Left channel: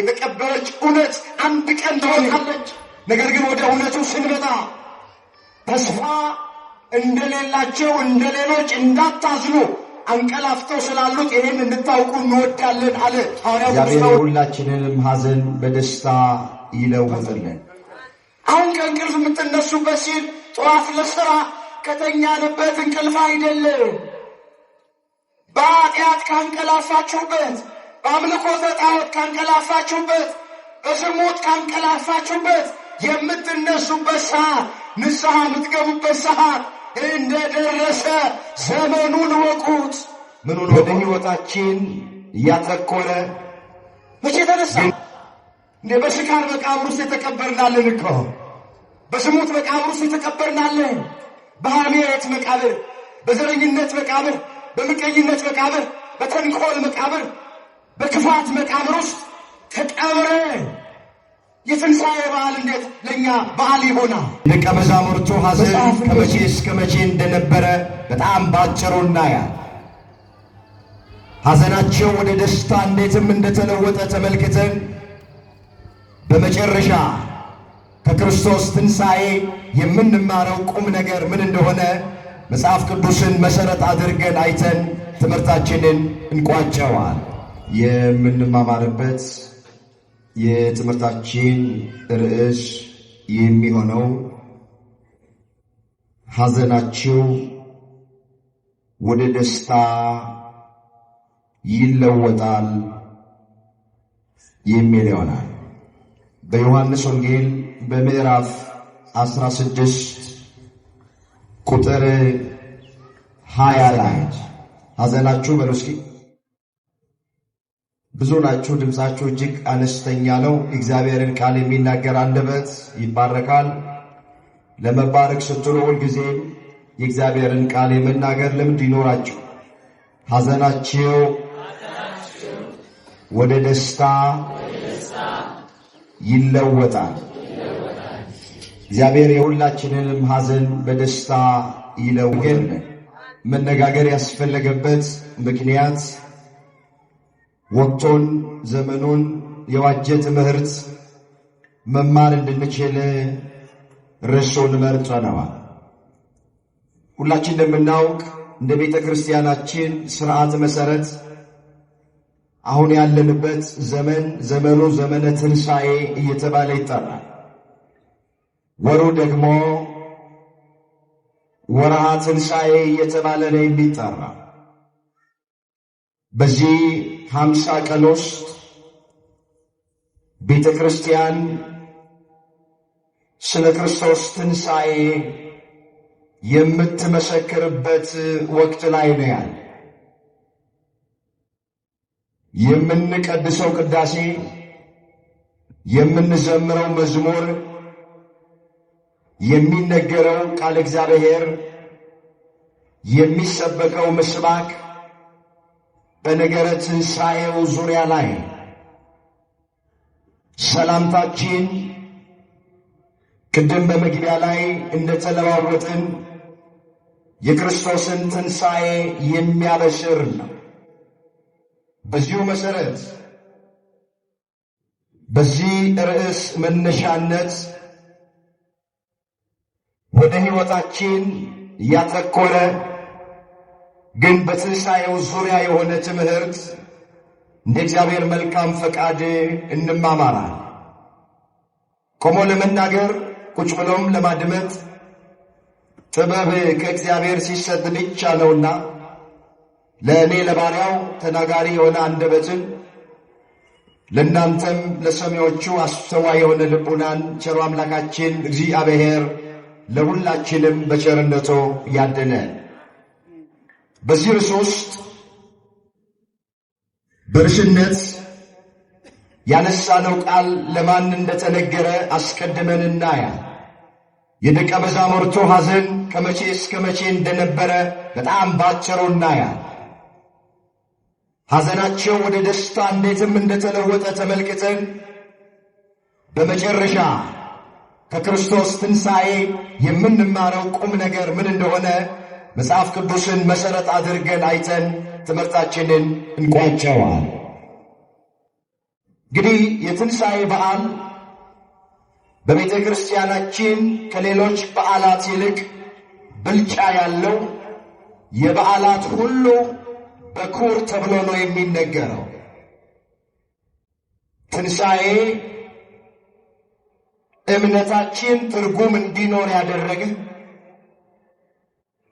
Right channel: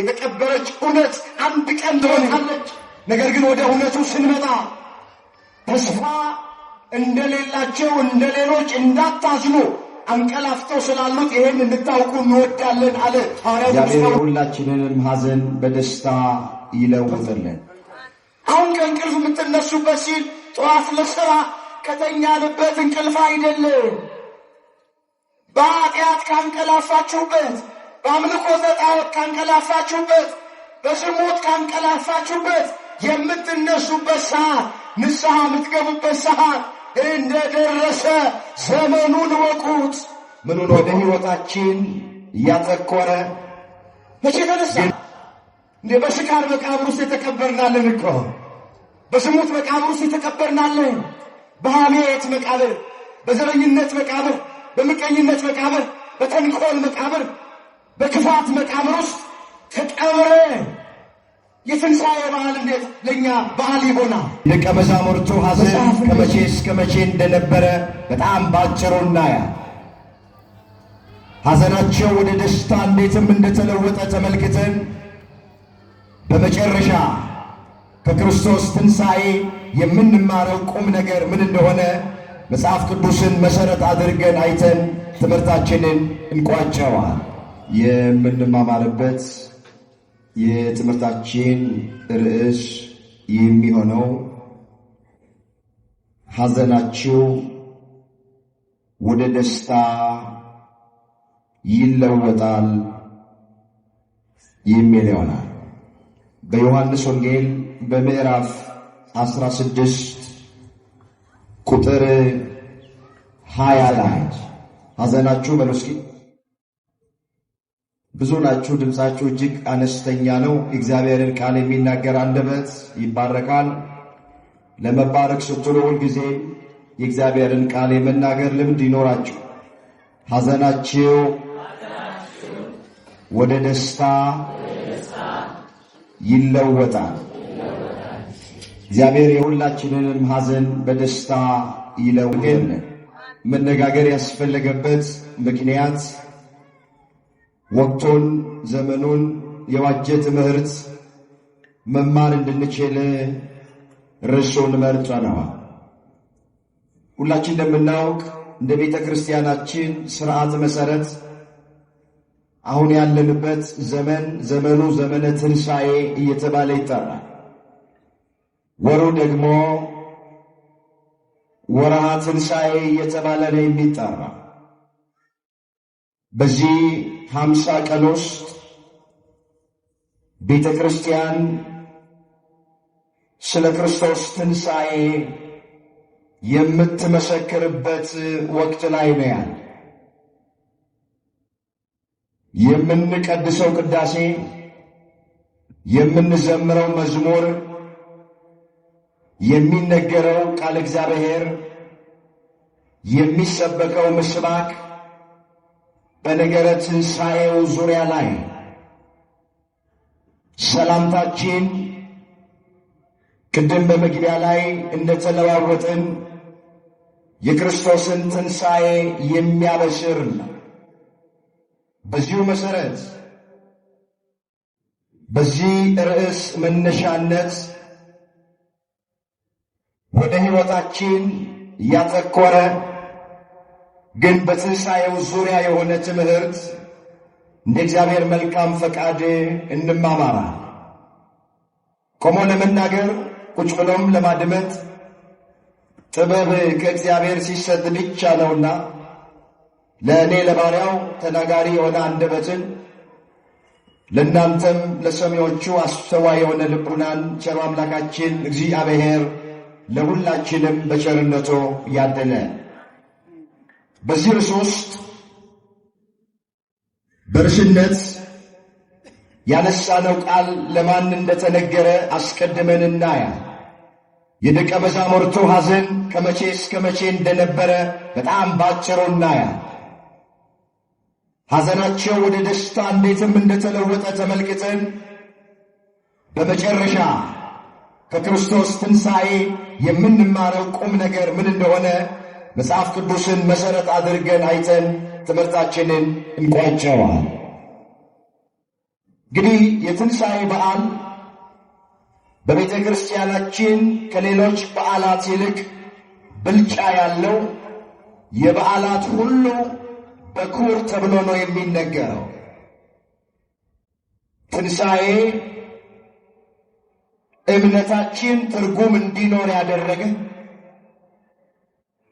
የተቀበረች እውነት አንድ ቀን ትወጣለች። ነገር ግን ወደ እውነቱ ስንመጣ ተስፋ እንደሌላቸው እንደሌሎች እንዳታዝኑ አንቀላፍተው ስላሉት ይሄን እንድታውቁ እንወዳለን አለ ሐዋርያው። እግዚአብሔር ሁላችንንም ሐዘን በደስታ ይለውጥልን። አሁን ከእንቅልፍ የምትነሱበት ሲል ጠዋት ለሥራ ከተኛንበት እንቅልፍ አይደለም። በኃጢአት ካንቀላፋችሁበት፣ በአምልኮተ ጣዖት ካንቀላፋችሁበት፣ በዝሙት ካንቀላፋችሁበት የምትነሱበት ሰዓት፣ ንስሐ የምትገቡበት ሰዓት እንደደረሰ ዘመኑን ወቁት። ምኑን ወደ ሕይወታችን እያተኮረ መቼ ተነሳ? እንደ በስካር መቃብር ውስጥ የተቀበርናለን እኮ፣ በዝሙት መቃብር ውስጥ የተቀበርናለን። በሐሜት መቃብር፣ በዘረኝነት መቃብር፣ በምቀኝነት መቃብር፣ በተንኮል መቃብር፣ በክፋት መቃብር ውስጥ ተቀብረን የትንሣኤ በዓል እንዴት ለእኛ በዓል ይሆናል? ደቀ መዛሙርቱ ሐዘን ከመቼ እስከ መቼ እንደነበረ በጣም ባጭሩ እናያል። ሐዘናቸው ወደ ደስታ እንዴትም እንደተለወጠ ተመልክተን በመጨረሻ ከክርስቶስ ትንሣኤ የምንማረው ቁም ነገር ምን እንደሆነ መጽሐፍ ቅዱስን መሠረት አድርገን አይተን ትምህርታችንን እንቋጨዋል። የምንማማርበት የትምህርታችን ርዕስ የሚሆነው ሐዘናችሁ ወደ ደስታ ይለወጣል የሚል ይሆናል። በዮሐንስ ወንጌል በምዕራፍ 16 ቁጥር 20 ላይ ሐዘናችሁ በሉ እስኪ። ብዙ ናችሁ፣ ድምፃችሁ እጅግ አነስተኛ ነው። እግዚአብሔርን ቃል የሚናገር አንደበት ይባረካል። ለመባረክ ስትሉ ሁልጊዜም የእግዚአብሔርን ቃል የመናገር ልምድ ይኖራችሁ። ሐዘናችሁ ወደ ደስታ ይለወጣል። እግዚአብሔር የሁላችንንም ሐዘን በደስታ ይለውጥልን። መነጋገር ያስፈለገበት ምክንያት ወቅቱን ዘመኑን የዋጀ ትምህርት መማር እንድንችል ርዕሱን መርጠነዋል። ሁላችን እንደምናውቅ እንደ ቤተ ክርስቲያናችን ሥርዓት መሠረት አሁን ያለንበት ዘመኑ ዘመነ ትንሣኤ እየተባለ ይጠራል። ወሩ ደግሞ ወርሃ ትንሣኤ እየተባለ ነው የሚጠራ። በዚህ 50 ቀን ውስጥ ቤተ ክርስቲያን ስለ ክርስቶስ ትንሣኤ የምትመሰክርበት ወቅት ላይ ነው ያለ። የምንቀድሰው ቅዳሴ፣ የምንዘምረው መዝሙር፣ የሚነገረው ቃል እግዚአብሔር፣ የሚሰበከው ምስባክ በነገረ ትንሣኤው ዙሪያ ላይ ሰላምታችን ቅድም በመግቢያ ላይ እንደተለዋወጥን የክርስቶስን ትንሣኤ የሚያበስር ነው። በዚሁ መሠረት በዚህ ርዕስ መነሻነት ወደ ሕይወታችን ያተኮረ ግን በትንሣኤው ዙሪያ የሆነ ትምህርት እንደ እግዚአብሔር መልካም ፈቃድ እንማማራለን። ቆሞ ለመናገር ቁጭ ብሎም ለማድመጥ ጥበብ ከእግዚአብሔር ሲሰጥ ብቻ ነውና ለእኔ ለባሪያው ተናጋሪ የሆነ አንደበትን ለእናንተም ለሰሚዎቹ አስተዋይ የሆነ ልቡናን ቸሩ አምላካችን እግዚአብሔር ለሁላችንም በቸርነቱ ያደለ። በዚህ ርዕስ ውስጥ በርዕስነት ያነሳነው ቃል ለማን እንደተነገረ አስቀድመን እናያለን። የደቀ መዛሙርቱ ሐዘን ከመቼ እስከ መቼ እንደነበረ በጣም ባጭሩ እናያለን። ሐዘናቸው ወደ ደስታ እንዴትም እንደተለወጠ ተመልክተን በመጨረሻ ከክርስቶስ ትንሣኤ የምንማረው ቁም ነገር ምን እንደሆነ መጽሐፍ ቅዱስን መሠረት አድርገን አይተን ትምህርታችንን እንቋጨዋል። እንግዲህ የትንሣኤ በዓል በቤተ ክርስቲያናችን ከሌሎች በዓላት ይልቅ ብልጫ ያለው የበዓላት ሁሉ በኩር ተብሎ ነው የሚነገረው። ትንሣኤ እምነታችን ትርጉም እንዲኖር ያደረገ፣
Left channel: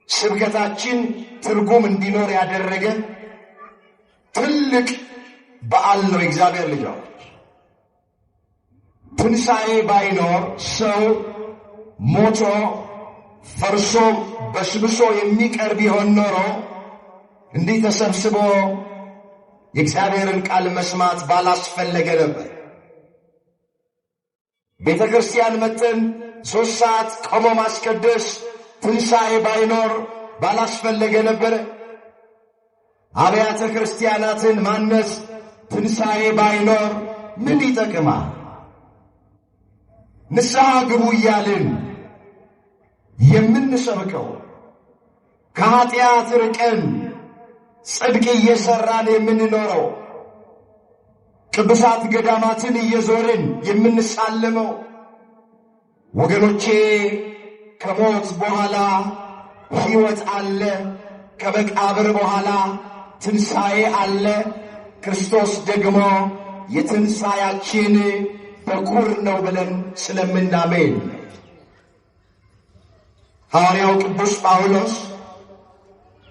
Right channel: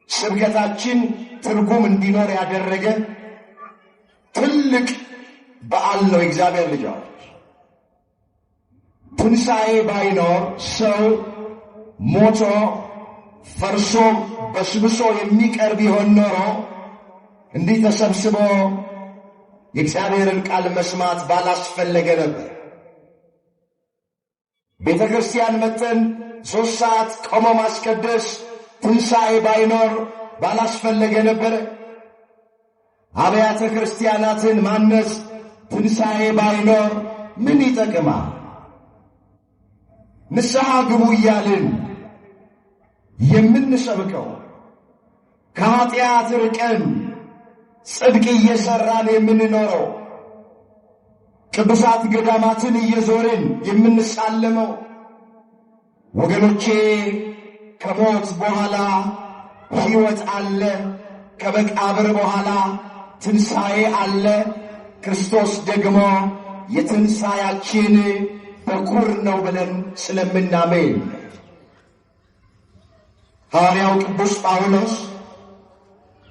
ስብከታችን ትርጉም እንዲኖር ያደረገ ትልቅ በዓል ነው። እግዚአብሔር ልጆች፣ ትንሣኤ ባይኖር ሰው ሞቶ ፈርሶ በስብሶ የሚቀር ቢሆን ኖሮ እንዲህ ተሰብስቦ የእግዚአብሔርን ቃል መስማት ባላስፈለገ ነበር። ቤተ ክርስቲያን መጥተን 3 ሰዓት ቆሞ ማስቀደስ ትንሣኤ ባይኖር ባላስፈለገ ነበር። አብያተ ክርስቲያናትን ማነጽ ትንሣኤ ባይኖር ምን ይጠቅማል? ንስሐ ግቡ እያልን የምንሰብከው ከኃጢአት ርቀን ጽድቅ እየሠራን የምንኖረው ቅዱሳት ገዳማትን እየዞርን የምንሳለመው ወገኖቼ፣ ከሞት በኋላ ሕይወት አለ፣ ከመቃብር በኋላ ትንሣኤ አለ። ክርስቶስ ደግሞ የትንሣኤያችን በኩር ነው ብለን ስለምናምን ሐዋርያው ቅዱስ ጳውሎስ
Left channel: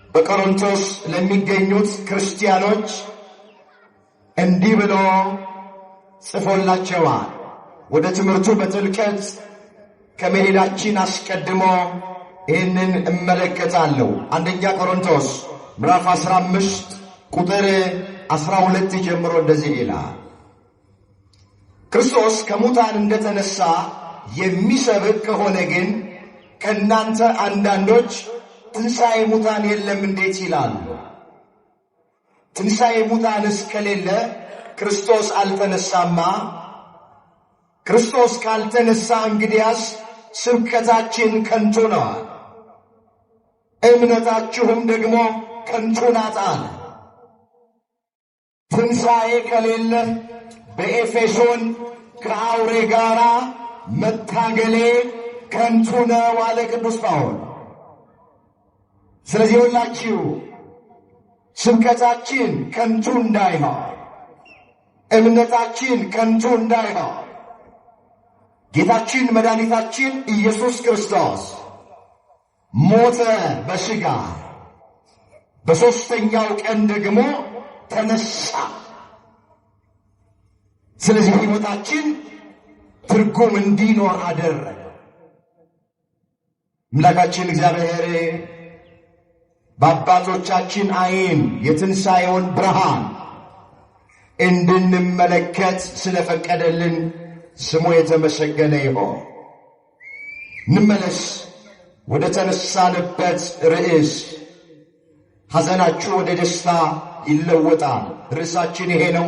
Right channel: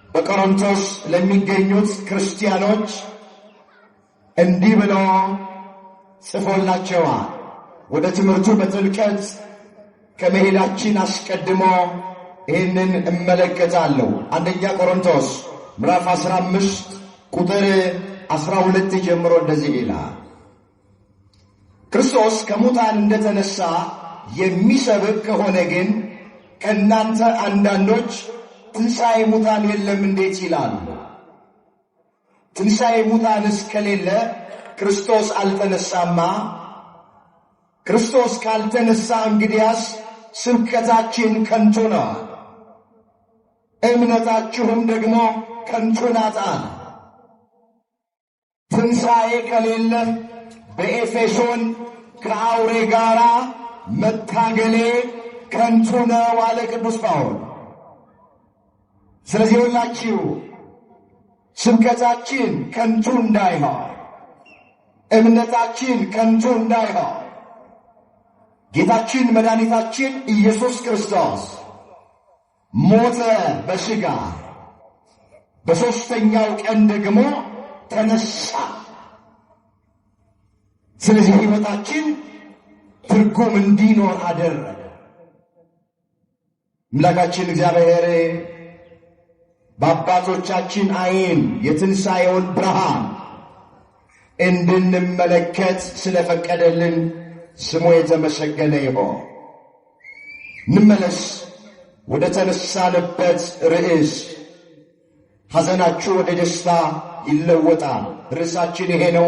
በቆሮንቶስ ለሚገኙት ክርስቲያኖች እንዲህ ብሎ ጽፎላቸዋል። ወደ ትምህርቱ በጥልቀት ከመሄዳችን አስቀድሞ ይህንን እመለከታለሁ። አንደኛ ቆሮንቶስ ምዕራፍ 15 ቁጥር 12 ጀምሮ እንደዚህ ይላል። ክርስቶስ ከሙታን እንደተነሳ የሚሰብክ ከሆነ ግን ከእናንተ አንዳንዶች ትንሣኤ ሙታን የለም እንዴት ይላሉ? ትንሣኤ ሙታንስ ከሌለ ክርስቶስ አልተነሳማ። ክርስቶስ ካልተነሳ እንግዲያስ ስብከታችን ከንቱ ነው፣ እምነታችሁም ደግሞ ከንቱ ናት። ትንሣኤ ከሌለ በኤፌሶን ከአውሬ ጋር መታገሌ ከንቱ ነው አለ ቅዱስ ጳውሎስ። ስለዚህ ሁላችሁ ስብከታችን ከንቱ እንዳይሆን፣ እምነታችን ከንቱ እንዳይሆን ጌታችን መድኃኒታችን ኢየሱስ ክርስቶስ ሞተ በሥጋ፣ በሦስተኛው ቀን ደግሞ ተነሳ። ስለዚህ ሕይወታችን ትርጉም እንዲኖር አደረገ። አምላካችን እግዚአብሔር በአባቶቻችን ዓይን የትንሣኤውን ብርሃን እንድንመለከት ስለፈቀደልን ስሙ የተመሰገነ ይሁን። እንመለስ ወደ ተነሳንበት ርዕስ። ሐዘናችሁ ወደ ደስታ ይለወጣል። ርዕሳችን ይሄ ነው።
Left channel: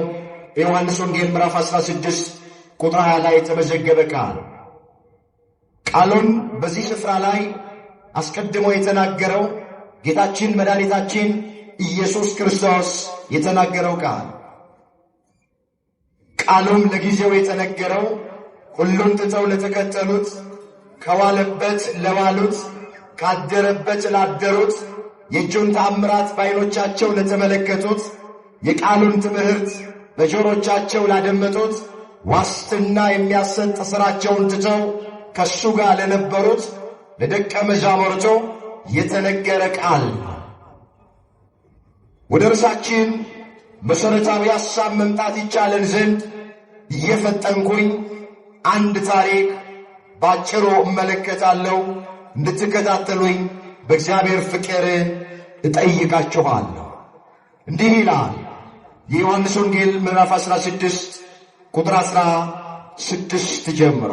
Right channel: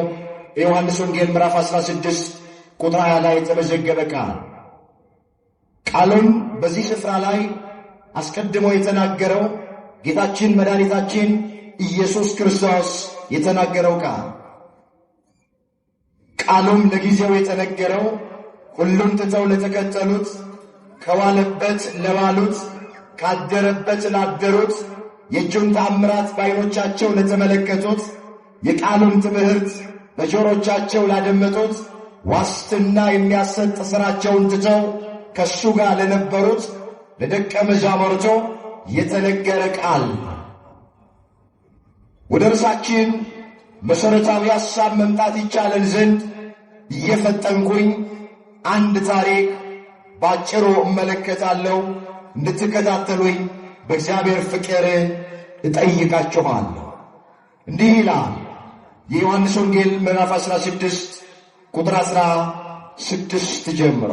የዮሐንስ ወንጌል ምዕራፍ 16 ቁጥር 20 ላይ የተመዘገበ ቃል። ቃሉን በዚህ ስፍራ ላይ አስቀድሞ የተናገረው ጌታችን መድኃኒታችን ኢየሱስ ክርስቶስ የተናገረው ቃል። ቃሉም ለጊዜው የተነገረው ሁሉም ትተው ለተከተሉት፣ ከዋለበት ለዋሉት፣ ካደረበት ላደሩት፣ የእጁን ተአምራት በዓይኖቻቸው ለተመለከቱት፣ የቃሉን ትምህርት በጆሮቻቸው ላደመጡት፣ ዋስትና የሚያሰጥ ሥራቸውን ትተው ከእሱ ጋር ለነበሩት ለደቀ መዛሙርቱ የተነገረ ቃል። ወደ ርዕሳችን መሠረታዊ ሐሳብ መምጣት ይቻለን ዘንድ እየፈጠንኩኝ አንድ ታሪክ ባጭሩ እመለከታለሁ። እንድትከታተሉኝ በእግዚአብሔር ፍቅር እጠይቃችኋለሁ። እንዲህ ይላል የዮሐንስ ወንጌል ምዕራፍ 16 ቁጥር 16 ጀምሮ።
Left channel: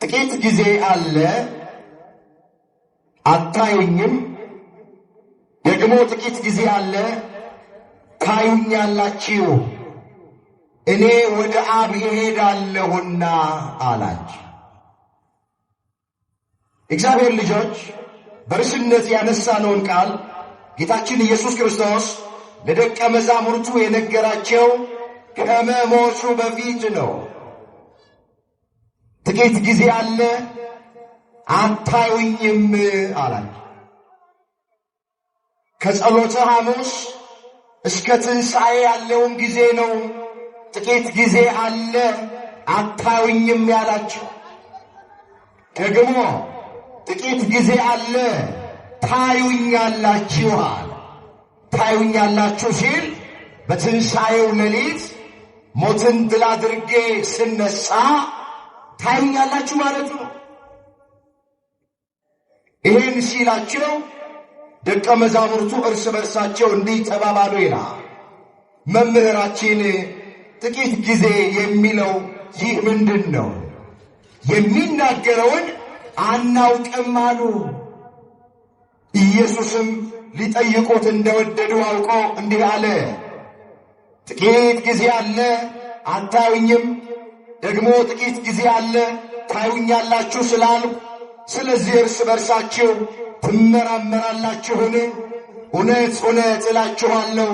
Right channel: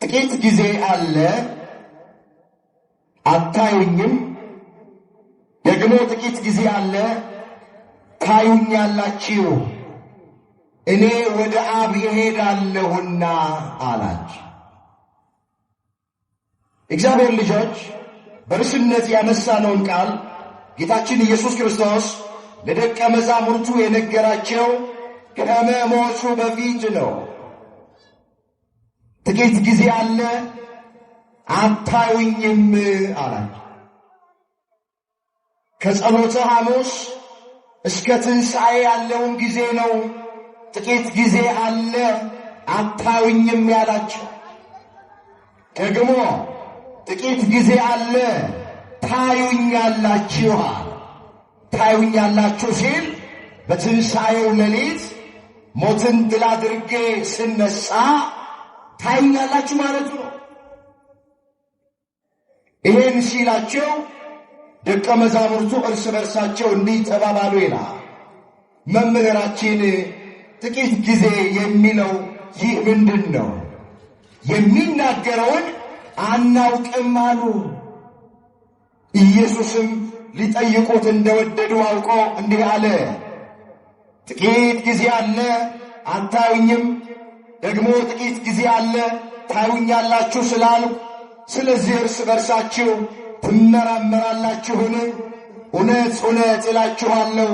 ጥቂት ጊዜ አለ አታዩኝም፣ ደግሞ ጥቂት ጊዜ አለ ታዩኛላችሁ፣ እኔ ወደ አብ እሄዳለሁና አላቸው። እግዚአብሔር ልጆች በርስነት ያነሳነውን ቃል ጌታችን ኢየሱስ ክርስቶስ ለደቀ መዛሙርቱ የነገራቸው ከመሞቱ በፊት ነው። ጥቂት ጊዜ አለ፣ አታዩኝም አላቸው። ከጸሎተ ሐሙስ እስከ ትንሣኤ ያለውን ጊዜ ነው። ጥቂት ጊዜ አለ፣ አታዩኝም ያላቸው። ደግሞ ጥቂት ጊዜ አለ፣ ታዩኛላችሁ። ታዩኛላችሁ ሲል በትንሣኤው ሌሊት ሞትን ድል አድርጌ ስነሳ ታዩኛላችሁ ማለት ነው። ይህን ሲላቸው ደቀ መዛሙርቱ እርስ በርሳቸው እንዲህ ተባባሉ ይላል። መምህራችን ጥቂት ጊዜ የሚለው ይህ ምንድን ነው? የሚናገረውን አናውቅም አሉ። ኢየሱስም ሊጠይቁት እንደወደዱ አውቆ እንዲህ አለ፣ ጥቂት ጊዜ አለ፣ አታዩኝም፣ ደግሞ ጥቂት ጊዜ አለ፣ ታዩኛላችሁ ስላሉ ስለዚህ እርስ በርሳችሁ ትመራመራላችሁን? እውነት እውነት እላችኋለሁ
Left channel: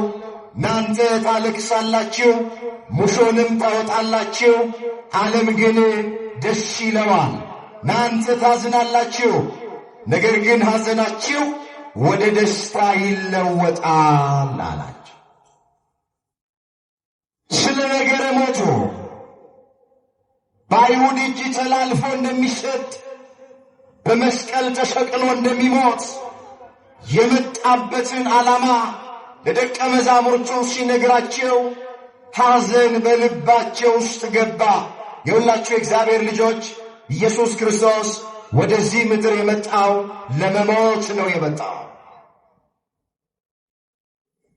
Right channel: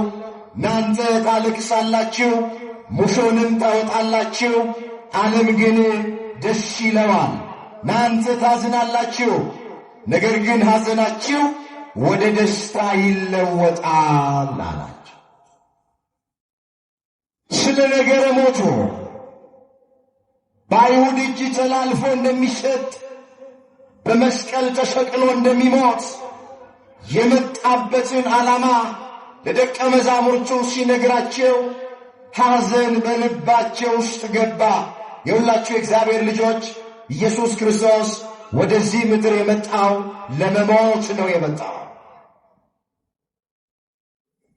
እናንተ ታለቅሳላችሁ፣ ሙሾንም ታወጣላችሁ፣ ዓለም ግን ደስ ይለዋል። እናንተ ታዝናላችሁ፣ ነገር ግን ሐዘናችሁ ወደ ደስታ ይለወጣል አላቸው። ስለ ነገረ ሞቱ በአይሁድ እጅ ተላልፎ እንደሚሰጥ በመስቀል ተሰቅሎ እንደሚሞት የመጣበትን ዓላማ ለደቀ መዛሙርቱ ሲነግራቸው ሐዘን በልባቸው ውስጥ ገባ። የሁላችሁ የእግዚአብሔር ልጆች ኢየሱስ ክርስቶስ ወደዚህ ምድር የመጣው ለመሞት ነው የመጣው።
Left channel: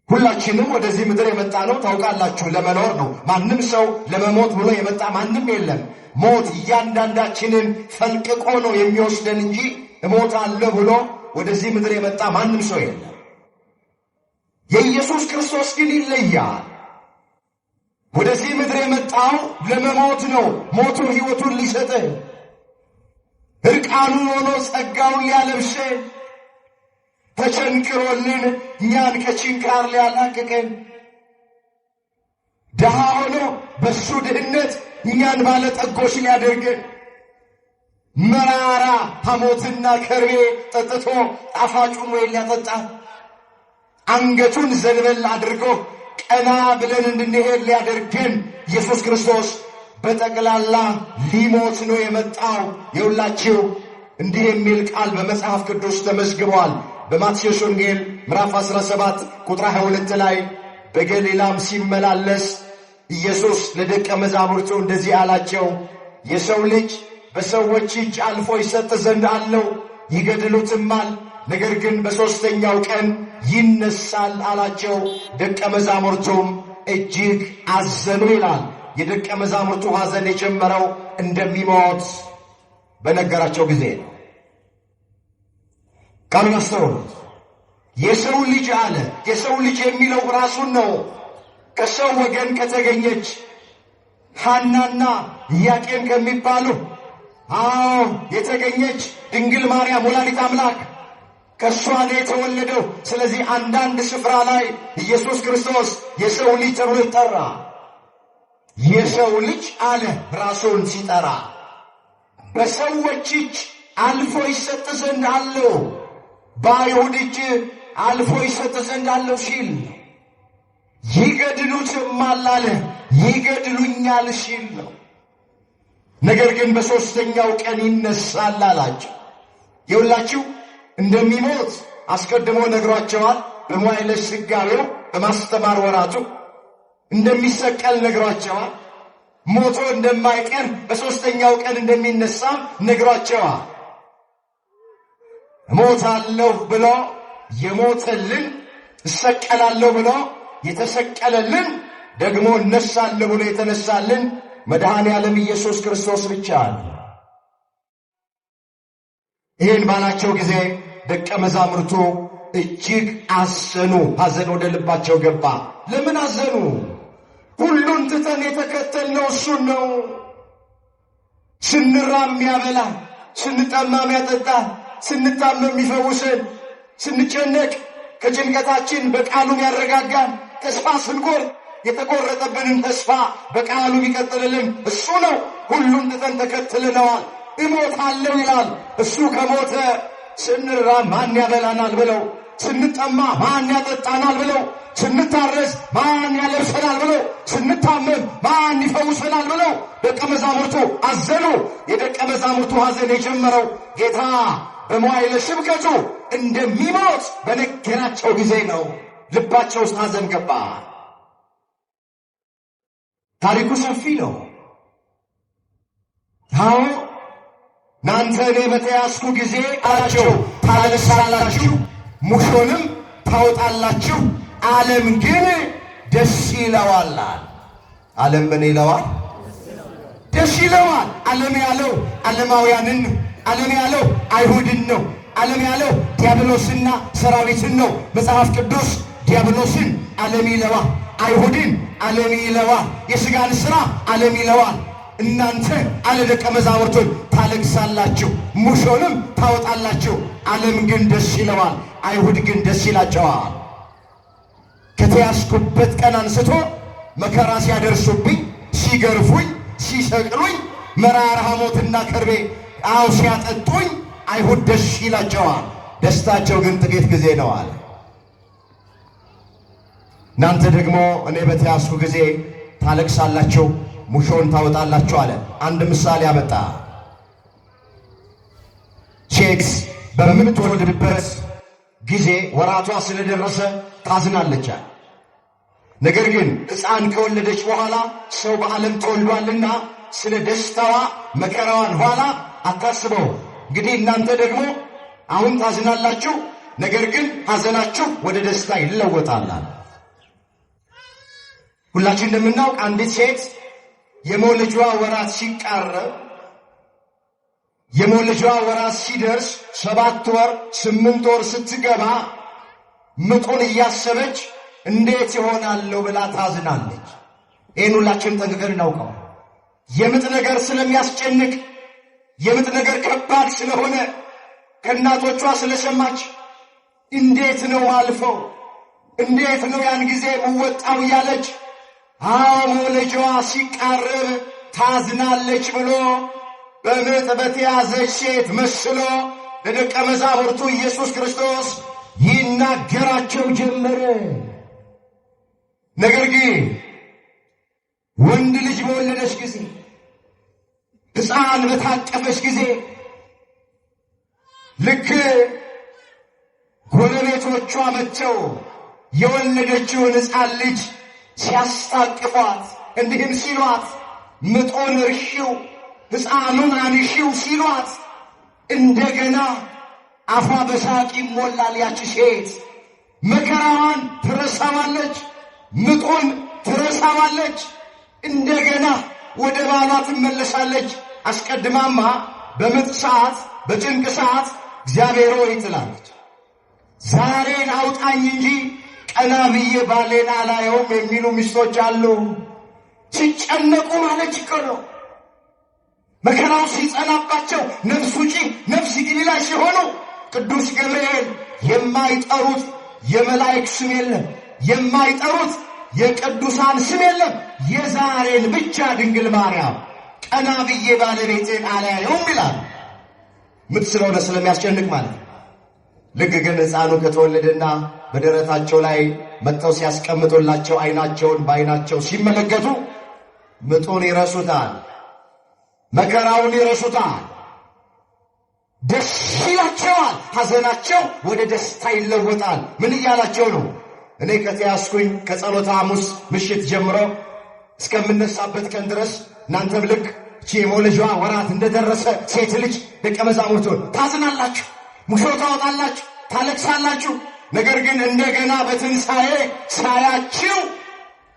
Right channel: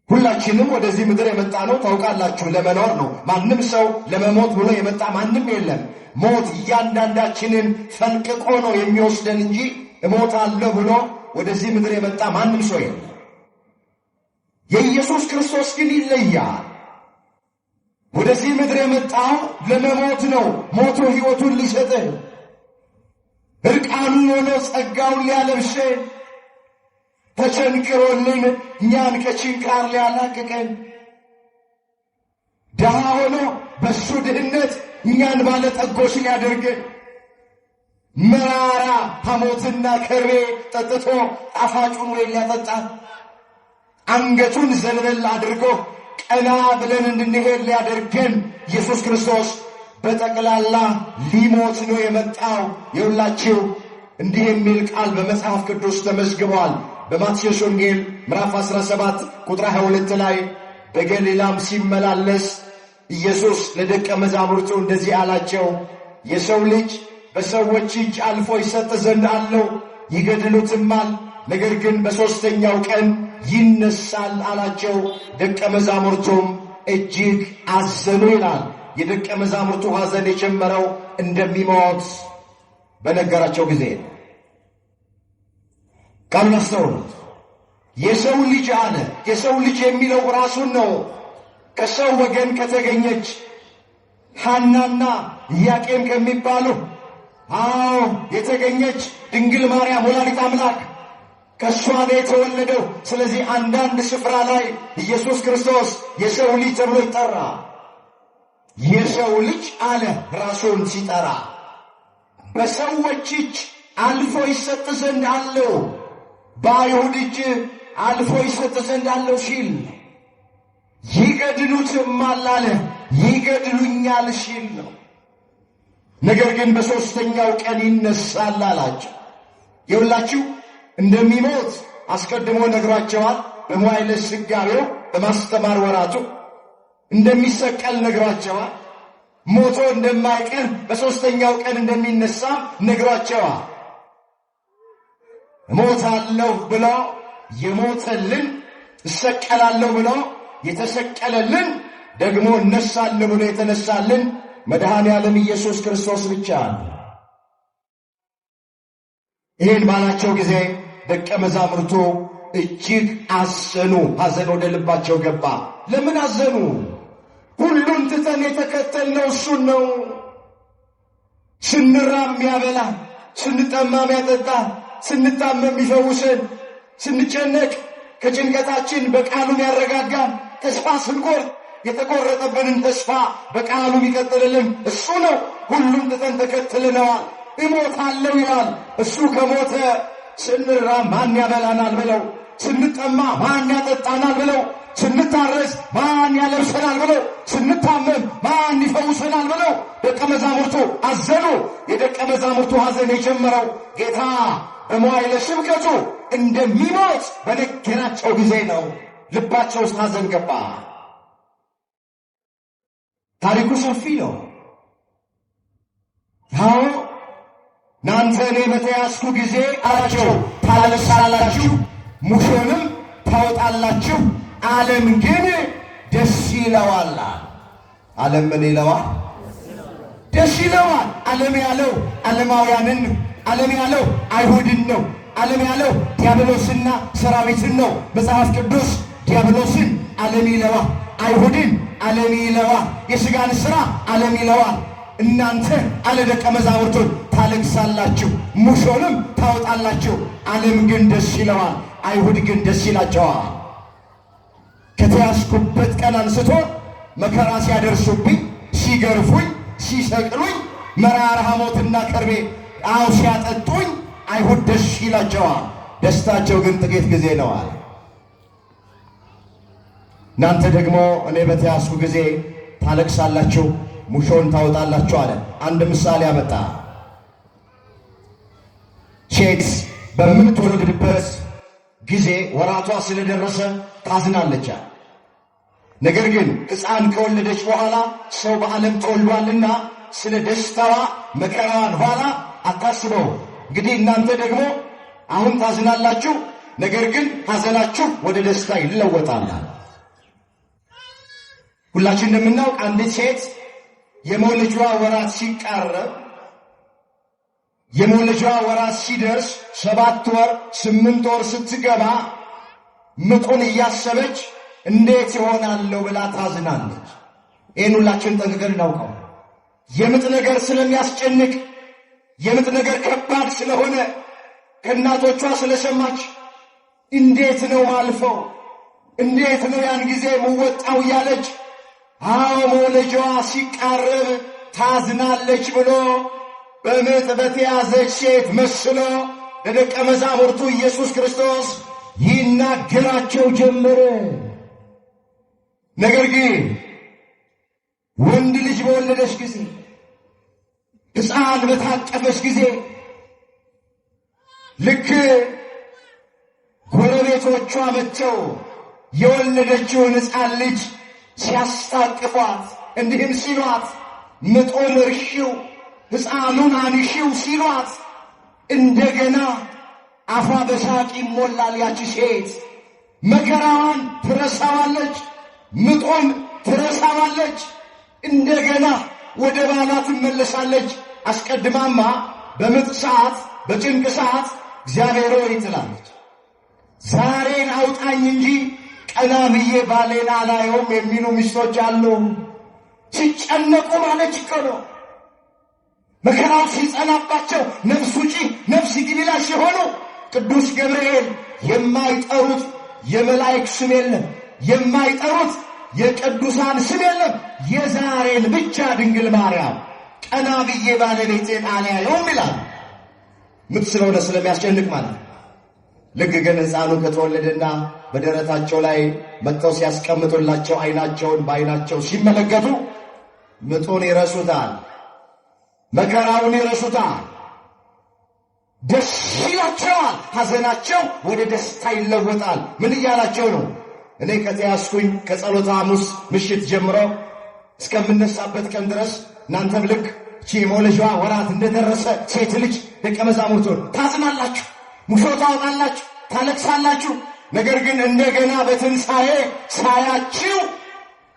ሁላችንም ወደዚህ ምድር የመጣ ነው ታውቃላችሁ፣ ለመኖር ነው። ማንም ሰው ለመሞት ብሎ የመጣ ማንም የለም። ሞት እያንዳንዳችንን ፈልቅቆ ነው የሚወስደን እንጂ እሞታለሁ ብሎ ወደዚህ ምድር የመጣ ማንም ሰው የለም። የኢየሱስ ክርስቶስ ግን ይለያል። ወደዚህ ምድር የመጣው ለመሞት ነው። ሞቱ ሕይወቱን ሊሰጠን፣ እርቃኑን ሆኖ ጸጋውን ሊያለብሰን፣ ተቸንክሮልን እኛን ከችንካር ሊያላቅቀን፣ ድሃ ሆኖ በሱ ድህነት እኛን ባለጠጎች ሊያደርገን፣ መራራ ሐሞትና ከርቤ ጠጥቶ ጣፋጩን ወይን ሊያጠጣን፣ አንገቱን ዘንበል አድርጎ ቀና ብለን እንድንሄድ ሊያደርገን ኢየሱስ ክርስቶስ በጠቅላላ ሊሞት ነው የመጣው። የሁላችሁ እንዲህ የሚል ቃል በመጽሐፍ ቅዱስ ተመዝግቧል። በማቴዎስ ወንጌል ምዕራፍ 17 ቁጥር 22 ላይ በገሊላም ሲመላለስ ኢየሱስ ለደቀ መዛሙርቱ እንደዚህ አላቸው፣ የሰው ልጅ በሰዎች እጅ አልፎ ይሰጥ ዘንድ አለው፣ ይገድሉትማል፣ ነገር ግን በሦስተኛው ቀን ይነሳል አላቸው። ደቀ መዛሙርቱም እጅግ አዘኑ ይላል። የደቀ መዛሙርቱ ሐዘን የጀመረው እንደሚሞት በነገራቸው ጊዜ ነው። ቃሉን አስተውሉት። የሰው ልጅ አለ። የሰው ልጅ የሚለው ራሱን ነው። ከሰው ወገን ከተገኘች ሐናና ኢያቄም ከሚባሉ የተገኘች ድንግል ማርያም ወላዲት አምላክ ከእሷ ነው የተወለደው። ስለዚህ አንዳንድ ስፍራ ላይ ኢየሱስ ክርስቶስ የሰው ልጅ ተብሎ ይጠራ። የሰው ልጅ አለ ራሱን ሲጠራ። በሰዎች እጅ አልፎ ይሰጥ ዘንድ አለው፣ በአይሁድ እጅ አልፎ ይሰጥ ዘንድ አለው ሲል ይገድሉትማል አለ፣ ይገድሉኛል ሲል ነው። ነገር ግን በሦስተኛው ቀን ይነሳል አላቸው። የሁላችሁ እንደሚሞት አስቀድሞ ነግሯቸዋል። በመዋዕለ ሥጋዌው በማስተማር ወራቱ እንደሚሰቀል ነግሯቸዋል። ሞቶ እንደማይቀር በሦስተኛው ቀን እንደሚነሳ ነግሯቸዋል። እሞታለሁ ብሎ የሞተልን፣ እሰቀላለሁ ብሎ የተሰቀለልን፣ ደግሞ እነሳለሁ ብሎ የተነሳልን መድኃኔ ዓለም ኢየሱስ ክርስቶስ ብቻ ነው። ይህን ባላቸው ጊዜ ደቀ መዛሙርቱ እጅግ አዘኑ። ሐዘን ወደ ልባቸው ገባ። ለምን አዘኑ? ሁሉን ትተን የተከተልነው እሱን ነው። ስንራብ የሚያበላ፣ ስንጠማ የሚያጠጣ፣ ስንታመም የሚፈውሰን፣ ስንጨነቅ ከጭንቀታችን በቃሉ ያረጋጋን፣ ተስፋ ስንቆርጥ የተቆረጠብንን ተስፋ በቃሉ ቢቀጥልልን እሱ ነው። ሁሉን ትተን ተከትለነዋል። እሞታለሁ ይላል። እሱ ከሞተ ስንራብ ማን ያበላናል ብለው፣ ስንጠማ ማን ያጠጣናል ብለው፣ ስንታረስ ማን ያለብሰናል ብለው፣ ስንታመም ማን ይፈውሰናል ብለው ደቀ መዛሙርቱ አዘኑ። የደቀ መዛሙርቱ ሐዘን የጀመረው ጌታ በመዋዕለ ስብከቱ እንደሚሞት በነገራቸው ጊዜ ነው። ልባቸው ውስጥ ሐዘን ገባ። ታሪኩ ሰፊ ነው። አዎ እናንተ እኔ በተያዝኩ ጊዜ አላቸው ታለቅሳላችሁ፣ ሙሾንም ታወጣላችሁ፣ ዓለም ግን ደስ ይለዋል። ዓለም ምን ይለዋል? ደስ ይለዋል። ዓለም ያለው ዓለማውያንን ነው። ዓለም ያለው አይሁድን ነው። ዓለም ያለው ዲያብሎስና ሰራዊትን ነው። መጽሐፍ ቅዱስ ዲያብሎስን ዓለም ይለዋል፣ አይሁድን ዓለም ይለዋል፣ የሥጋን ሥራ ዓለም ይለዋል። እናንተ አለ ደቀ መዛሙርቱን ታለቅሳላችሁ፣ ሙሾንም ታወጣላችሁ፣ ዓለም ግን ደስ ይለዋል፣ አይሁድ ግን ደስ ይላቸዋል። ከተያዝኩበት ቀን አንስቶ መከራ ሲያደርሱብኝ፣ ሲገርፉኝ፣ ሲሰቅሉኝ፣ መራራ ሐሞትና ከርቤ ሲያጠጡኝ አይሁድ ደስ ይላቸዋል። ደስታቸው ግን ጥቂት ጊዜ ነው አለ። እናንተ ደግሞ እኔ በተያዝኩ ጊዜ ታለቅሳላችሁ፣ ሙሾን ታወጣላችሁ አለ። አንድ ምሳሌ አመጣ። ሴት በምትወልድበት ጊዜ ወራቷ ስለደረሰ ታዝናለች። ነገር ግን ሕፃን ከወለደች በኋላ ሰው በዓለም ተወልዷልና ስለ ደስታዋ መከራዋን ኋላ አታስበው። እንግዲህ እናንተ ደግሞ አሁን ታዝናላችሁ፣ ነገር ግን ሐዘናችሁ ወደ ደስታ ይለወጣል። ሁላችን እንደምናውቅ አንዲት ሴት የመውለጃዋ ወራት ሲቃረብ፣ የመውለጃዋ ወራት ሲደርስ 7 ወር 8 ወር ስትገባ ምጡን እያሰበች እንዴት ይሆናለሁ ብላ ታዝናለች። ይህን ሁላችን ጠንቅቀን እናውቀው። የምጥ ነገር ስለሚያስጨንቅ፣ የምጥ ነገር ከባድ ስለሆነ ከእናቶቿ ስለሰማች እንዴት ነው ማልፈው፣ እንዴት ነው ያን ጊዜ ምወጣው እያለች መውለጃዋ ሲቃረብ ታዝናለች ብሎ በምጥ በተያዘች ሴት መስሎ ለደቀ መዛሙርቱ ኢየሱስ ክርስቶስ ይናገራቸው ጀመረ። ነገር ግን ወንድ ልጅ በወለደች ጊዜ፣ ሕፃን በታቀፈች ጊዜ ልክ ጎረቤቶቿ መጥተው የወለደችውን ሕፃን ልጅ ሲያስታቅፏት እንዲህም ሲሏት ምጦን እርሺው፣ ሕፃኑን አንሺው ሲሏት እንደገና አፏ በሳቅ ይሞላል። ያቺ ሴት መከራዋን ትረሳዋለች፣ ምጦን ትረሳዋለች። እንደገና ወደ ባሏ ትመለሳለች። አስቀድማማ በምጥ ሰዓት፣ በጭንቅ ሰዓት እግዚአብሔር ሆይ ትላለች፣ ዛሬን አውጣኝ እንጂ ቀና ብዬ ባሌን አላየውም የሚሉ ሚስቶች አሉ። ሲጨነቁ ማለች ይቀሩ፣ መከራው ሲጸናባቸው ነፍስ ውጪ ነፍስ ግቢ ላይ ሲሆኑ ቅዱስ ገብርኤል የማይጠሩት የመላእክት ስም የለም፣ የማይጠሩት የቅዱሳን ስም የለም። የዛሬን ብቻ ድንግል ማርያም ቀና ብዬ ባለቤቴን አላየውም ይላል። ምጥ ስለሆነ ስለሚያስጨንቅ ማለት ነው። ልክ ግን ሕፃኑ ከተወለደና በደረታቸው ላይ መጥተው ሲያስቀምጡላቸው ዓይናቸውን በዓይናቸው ሲመለከቱ ምጡን ይረሱታል፣ መከራውን ይረሱታል፣ ደስ ይላቸዋል። ሐዘናቸው ወደ ደስታ ይለወጣል። ምን እያላቸው ነው? እኔ ከተያዝኩኝ ከጸሎተ ሐሙስ ምሽት ጀምሮ እስከምነሳበት ቀን ድረስ እናንተም ልክ እቺ የመውለጃዋ ወራት እንደደረሰ ሴት ልጅ ደቀ መዛሙርቱን ታዝናላችሁ፣ ሙሾ ታወጣላችሁ፣ ታለቅሳላችሁ። ነገር ግን እንደገና በትንሣኤ ሳያችሁ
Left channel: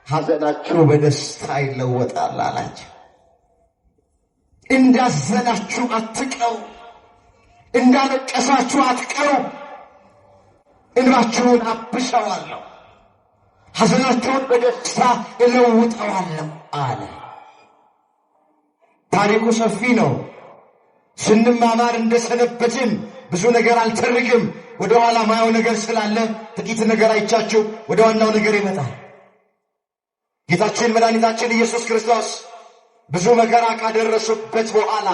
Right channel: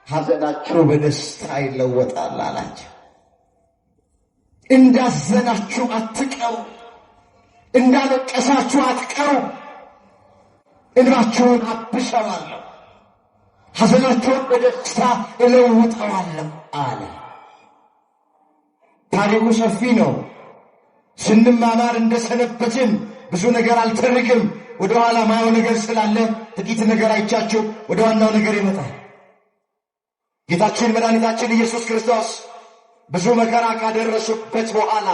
ሐዘናችሁ በደስታ ይለወጣል አላቸው። እንዳዘናችሁ አትቀሩ፣ እንዳለቀሳችሁ አትቀሩ። እንባችሁን አብሰዋለሁ፣ ሐዘናችሁን በደስታ እለውጠዋለሁ አለ። ታሪኩ ሰፊ ነው። ስንማማር እንደሰነበትን ብዙ ነገር አልተርክም። ወደ ኋላ ማየው ነገር ስላለ ጥቂት ነገር አይቻችሁ ወደ ዋናው ነገር ይመጣል። ጌታችን መድኃኒታችን ኢየሱስ ክርስቶስ ብዙ መከራ ካደረሱበት በኋላ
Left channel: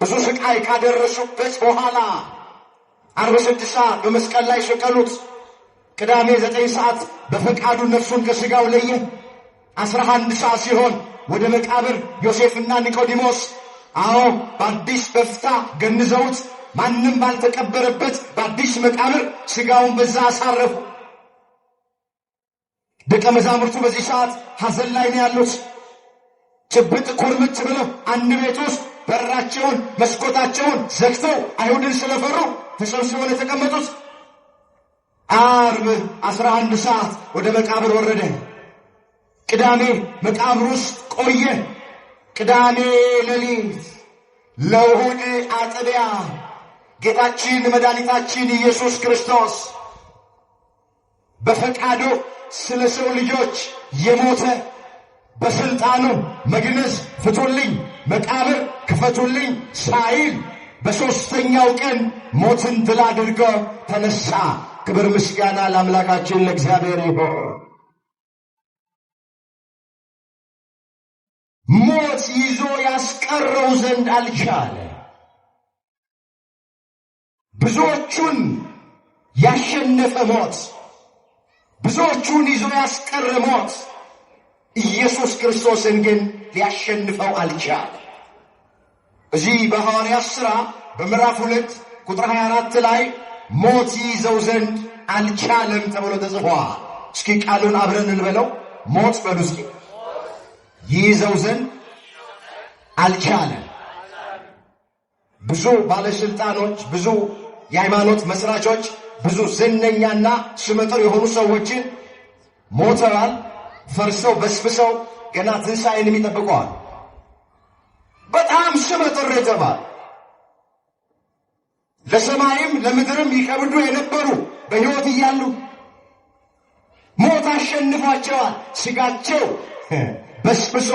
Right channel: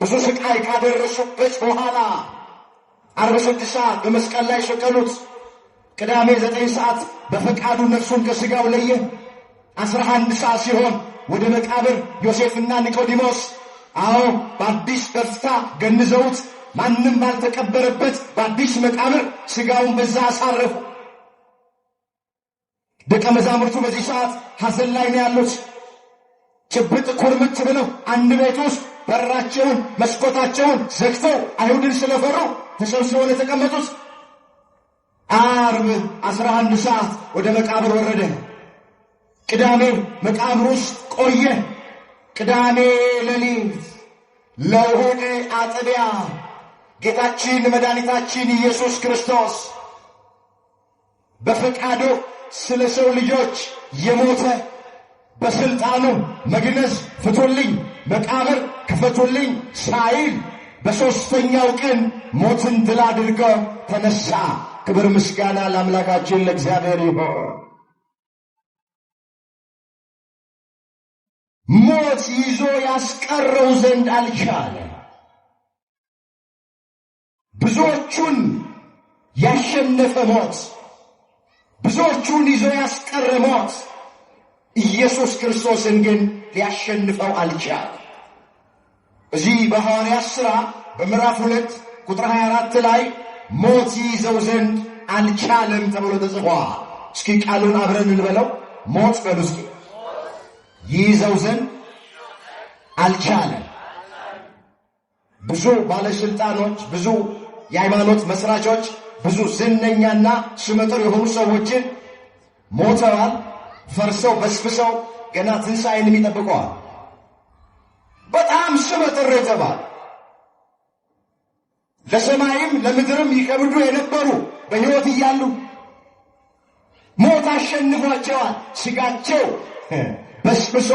ብዙ ስቃይ ካደረሱበት በኋላ 46 ሰዓት በመስቀል ላይ ሰቀሉት። ቅዳሜ 9 ሰዓት በፈቃዱ ነፍሱን ከሥጋው ለየ። 11 ሰዓት ሲሆን ወደ መቃብር ዮሴፍና ኒቆዲሞስ በአዲስ በፍታ ገንዘውት ማንም ባልተቀበረበት በአዲስ መቃብር ሥጋውን በዛ አሳረፉ። ደቀ መዛሙርቱ በዚህ ሰዓት ሐዘን ላይ ነው ያሉት። ጭብጥ ኩርምት ብለው አንድ ቤት ውስጥ በራቸውን መስኮታቸውን ዘግተው አይሁድን ስለፈሩ ተሰብስበው የተቀመጡት። ዓርብ 11 ሰዓት ወደ መቃብር ወረደ። ቅዳሜ መቃብር ውስጥ ቆየ። ቅዳሜ ሌሊት ለእሑድ አጥቢያ ጌታችን መድኃኒታችን ኢየሱስ ክርስቶስ በፈቃዱ ስለ ሰው ልጆች የሞተ በስልጣኑ መግነዝ ፍቱልኝ፣ መቃብር ክፈቱልኝ ሳይል በሦስተኛው ቀን ሞትን ድል አድርጎ ተነሳ። ክብር ምስጋና ለአምላካችን ለእግዚአብሔር ይሁን። ሞት ይዞ ያስቀረው ዘንድ አልቻለ። ብዙዎቹን ያሸነፈ ሞት፣ ብዙዎቹን ይዞ ያስቀረ ሞት ኢየሱስ ክርስቶስን ግን ሊያሸንፈው አልቻለ። እዚህ በሐዋርያት ሥራ በምዕራፍ 2 ቁጥር 24 ላይ ሞት ይዘው ዘንድ አልቻለም ተብሎ ተጽፏል። እስኪ ቃሉን አብረን እንበለው። ሞት በሉ እስኪ። ይዘው ዘንድ አልቻለም። ብዙ ባለስልጣኖች፣ ብዙ የሃይማኖት መስራቾች፣ ብዙ ዝነኛና ስመጥር የሆኑ ሰዎችን ሞተዋል፣ ፈርሰው በስብሰው ገና ትንሣኤንም ይጠብቀዋል። በጣም ስመጥር የተባለ ለሰማይም ለምድርም ይከብዱ የነበሩ በሕይወት እያሉ ሞት አሸንፏቸዋል። ሥጋቸው በስብሶ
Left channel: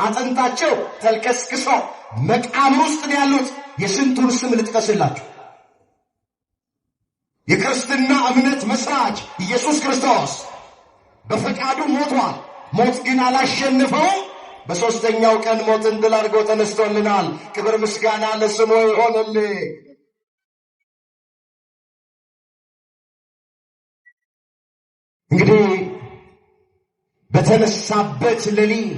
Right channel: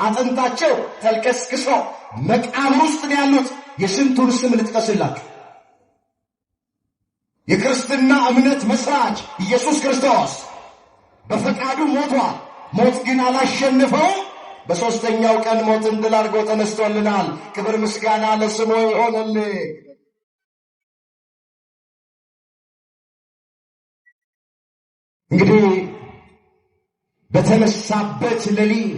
አጥንታቸው ተልከስክሶ መቃብር ውስጥ ያሉት የስንቱን ስም ልጥቀስላችሁ? የክርስትና እምነት መስራች ኢየሱስ ክርስቶስ በፈቃዱ ሞቷል። ሞት ግን አላሸነፈው። በሦስተኛው ቀን ሞትን ድል አድርጎ ተነስቶልናል። ክብር ምስጋና ለስሙ ይሆንልህ። እንግዲህ በተነሳበት ሌሊት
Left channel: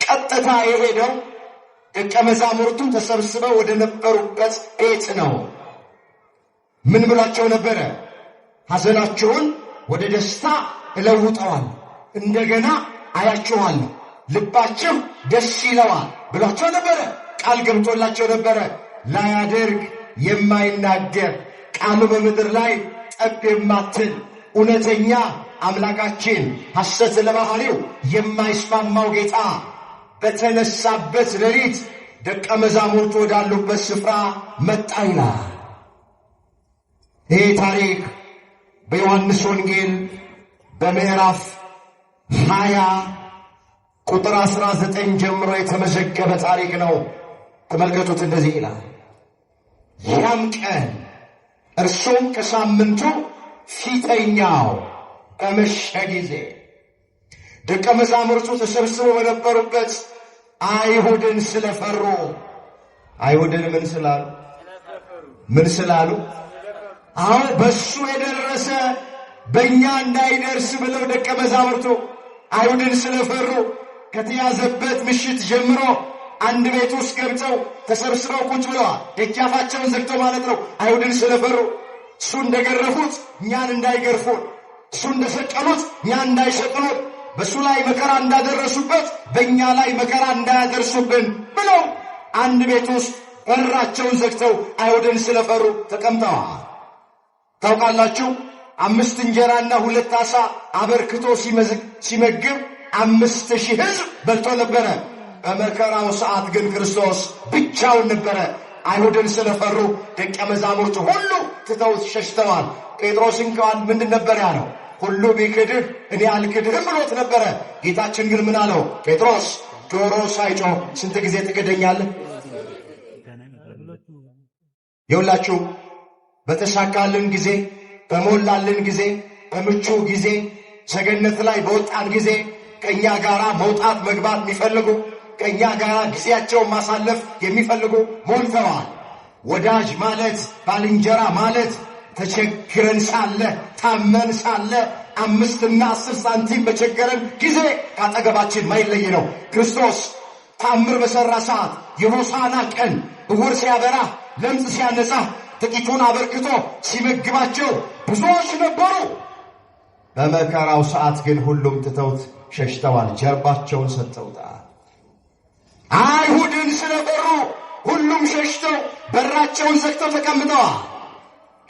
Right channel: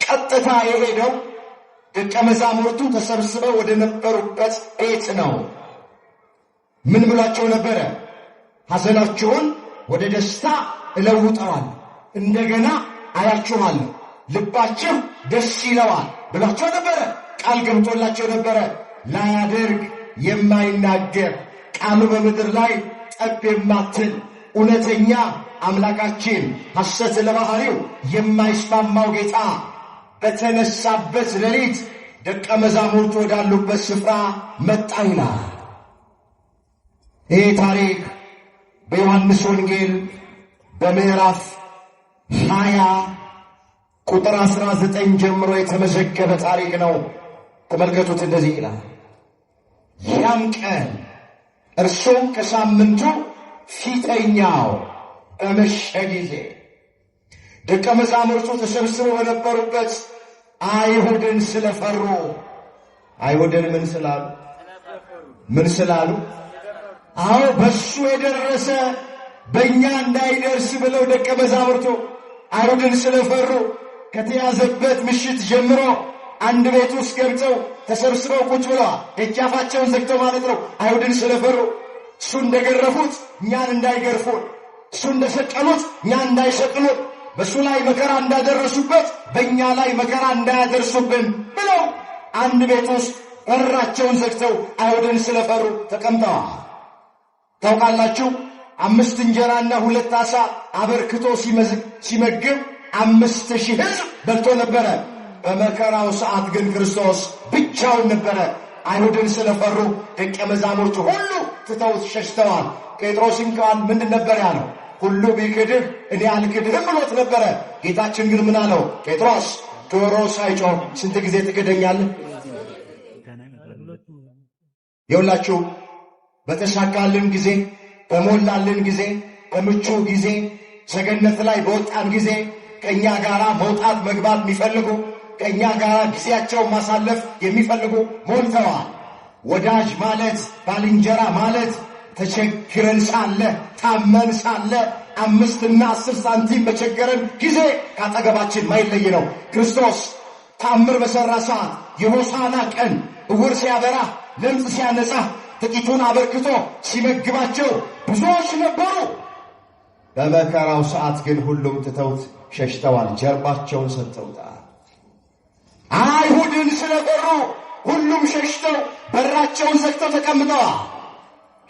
ቀጥታ የሄደው ደቀ መዛሙርቱ ተሰብስበው ወደ ነበሩበት ቤት ነው። ምን ብሏቸው ነበረ? ሐዘናቸውን ወደ ደስታ እለውጠዋል፣ እንደገና አያችኋል፣ ልባቸው ደስ ይለዋል ብሏቸው ነበረ። ቃል ገብቶላቸው ነበረ። ላያደርግ የማይናገር ቃሉ በምድር ላይ ጠብ የማትል እውነተኛ አምላካችን ሐሰት ለባህሪው የማይስማማው ጌታ በተነሳበት ሌሊት ደቀ መዛሙርቱ ወዳሉበት ስፍራ መጣ ይላል። ይህ ታሪክ በዮሐንስ ወንጌል በምዕራፍ 20 ቁጥር 19 ጀምሮ የተመዘገበ ታሪክ ነው። ተመልከቱት። እንደዚህ ይላል። ያም ቀን እርሱም ከሳምንቱ ፊተኛው በመሸ ጊዜ ደቀ መዛሙርቱ ተሰብስበው በነበሩበት አይሁድን ስለፈሩ፣ አይሁድን ምን ስላሉ? በሱ የደረሰ በእኛ እንዳይደርስ ብለው ደቀ መዛሙርቱ አይሁድን ስለፈሩ ከተያዘበት ምሽት ጀምሮ አንድ ቤት ውስጥ ገብተው ተሰብስበው ቁጭ ብለዋል። ደጃፋቸውን ዘግተው ማለት ነው። አይሁድን ስለፈሩ እሱ እንደገረፉት እኛን እንዳይገርፉን፣ እሱ እንደሰቀሉት እኛን እንዳይሰቅሉን፣ በእሱ ላይ መከራ እንዳደረሱበት በእኛ ላይ መከራ እንዳያደርሱብን ብለው አንድ ቤት ውስጥ በራቸውን ዘግተው አይሁድን ስለፈሩ ተቀምጠዋል። ታውቃላችሁ 5 እንጀራና 2 ዓሣ አበርክቶ ሲመግብ 5000 ሕዝብ በልቶ ነበረ። በመከራው ሰዓት ግን ክርስቶስ ብቻውን ነበረ። አይሁድን ስለፈሩ ደቀ መዛሙርቱ ሁሉ ትተውት ሸሽተዋል። ጴጥሮስ እንኳን ምንድን ነበር ያለው? ሁሉ ቢክድህ እኔ አልክድህም ብሎት ነበረ። ጌታችን ግን ምን አለው? ጴጥሮስ ዶሮ ሳይጮህ ስንት ጊዜ ትክደኛለህ? የሁላችሁ በተሳካልን ጊዜ፣ በሞላልን ጊዜ፣ በምቹ ጊዜ፣ ሰገነት ላይ በወጣን ጊዜ ከእኛ ጋር መውጣት መግባት የሚፈልጉ ከእኛ ጋር ጊዜያቸው ማሳለፍ የሚፈልጉ ሞልተዋል። ወዳጅ ማለት ባልንጀራ ማለት ተቸግረን ሳለ ታመን ሳለ 5 እና 10 ሳንቲም በቸገረን ጊዜ ካጠገባችን ማይለይ ነው። ክርስቶስ ታምር በሠራ ሰዓት የሆሳዕና ቀን ዕውር ሲያበራ ለምጽ ሲያነጻ ጥቂቱን አበርክቶ ሲመግባቸው ብዙዎች ነበሩ። በመከራው ሰዓት ግን ሁሉም ትተውት ሸሽተዋል፣ ጀርባቸውን ሰጥተውታል። አይሁድን ስለፈሩ ሁሉም ሸሽተው በራቸውን ዘግተው ተቀምጠዋል።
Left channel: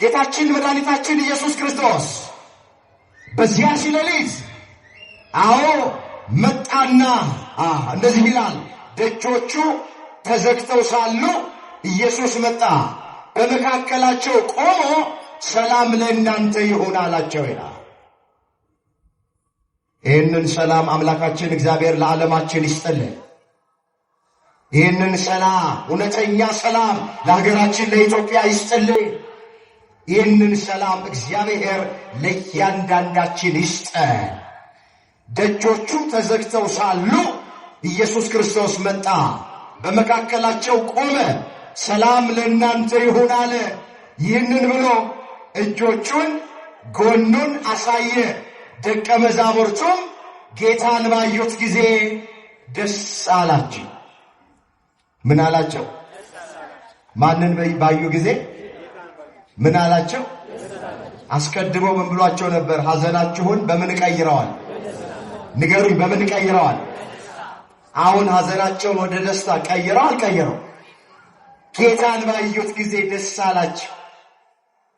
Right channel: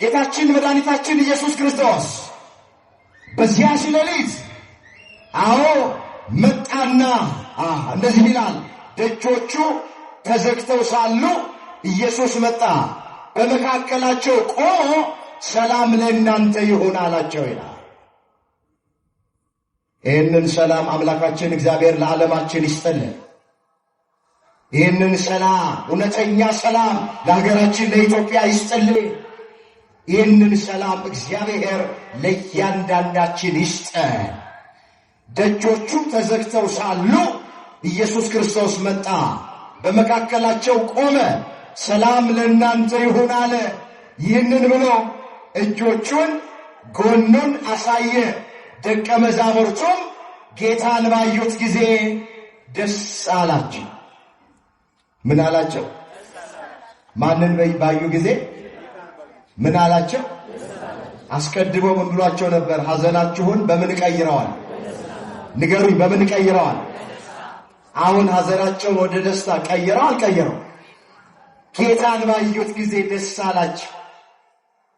ጌታችን መድኃኒታችን ኢየሱስ ክርስቶስ በዚያ ሌሊት መጣና እንደዚህ ይላል፣ ደጆቹ ተዘግተው ሳሉ ኢየሱስ መጣ፣ በመካከላቸው ቆሞ ሰላም ለእናንተ ይሁን አላቸው ይላል። ይህንን ሰላም አምላካችን እግዚአብሔር ለዓለማችን ይስጥልን። ይህንን ሰላም፣ እውነተኛ ሰላም ለሀገራችን ለኢትዮጵያ ይስጥልን። ይህንን ሰላም እግዚአብሔር ለእያንዳንዳችን ይስጠን። ደጆቹ ተዘግተው ሳሉ ኢየሱስ ክርስቶስ መጣ፣ በመካከላቸው ቆመ፣ ሰላም ለእናንተ ይሁን አለ። ይህንን ብሎ እጆቹን ጎኑን አሳየ። ደቀ መዛሙርቱም ጌታን ባዩት ጊዜ ደስ አላቸው። ምን አላቸው? ማንን ባዩ ጊዜ ምን አላቸው? አስቀድሞ ምን ብሏቸው ነበር? ሐዘናችሁን በምን ቀይረዋል? ንገሩኝ፣ በምን ቀይረዋል? አሁን ሐዘናቸውን ወደ ደስታ ቀይረው አልቀየረው? ጌታን ባዩት ጊዜ ደስ አላቸው።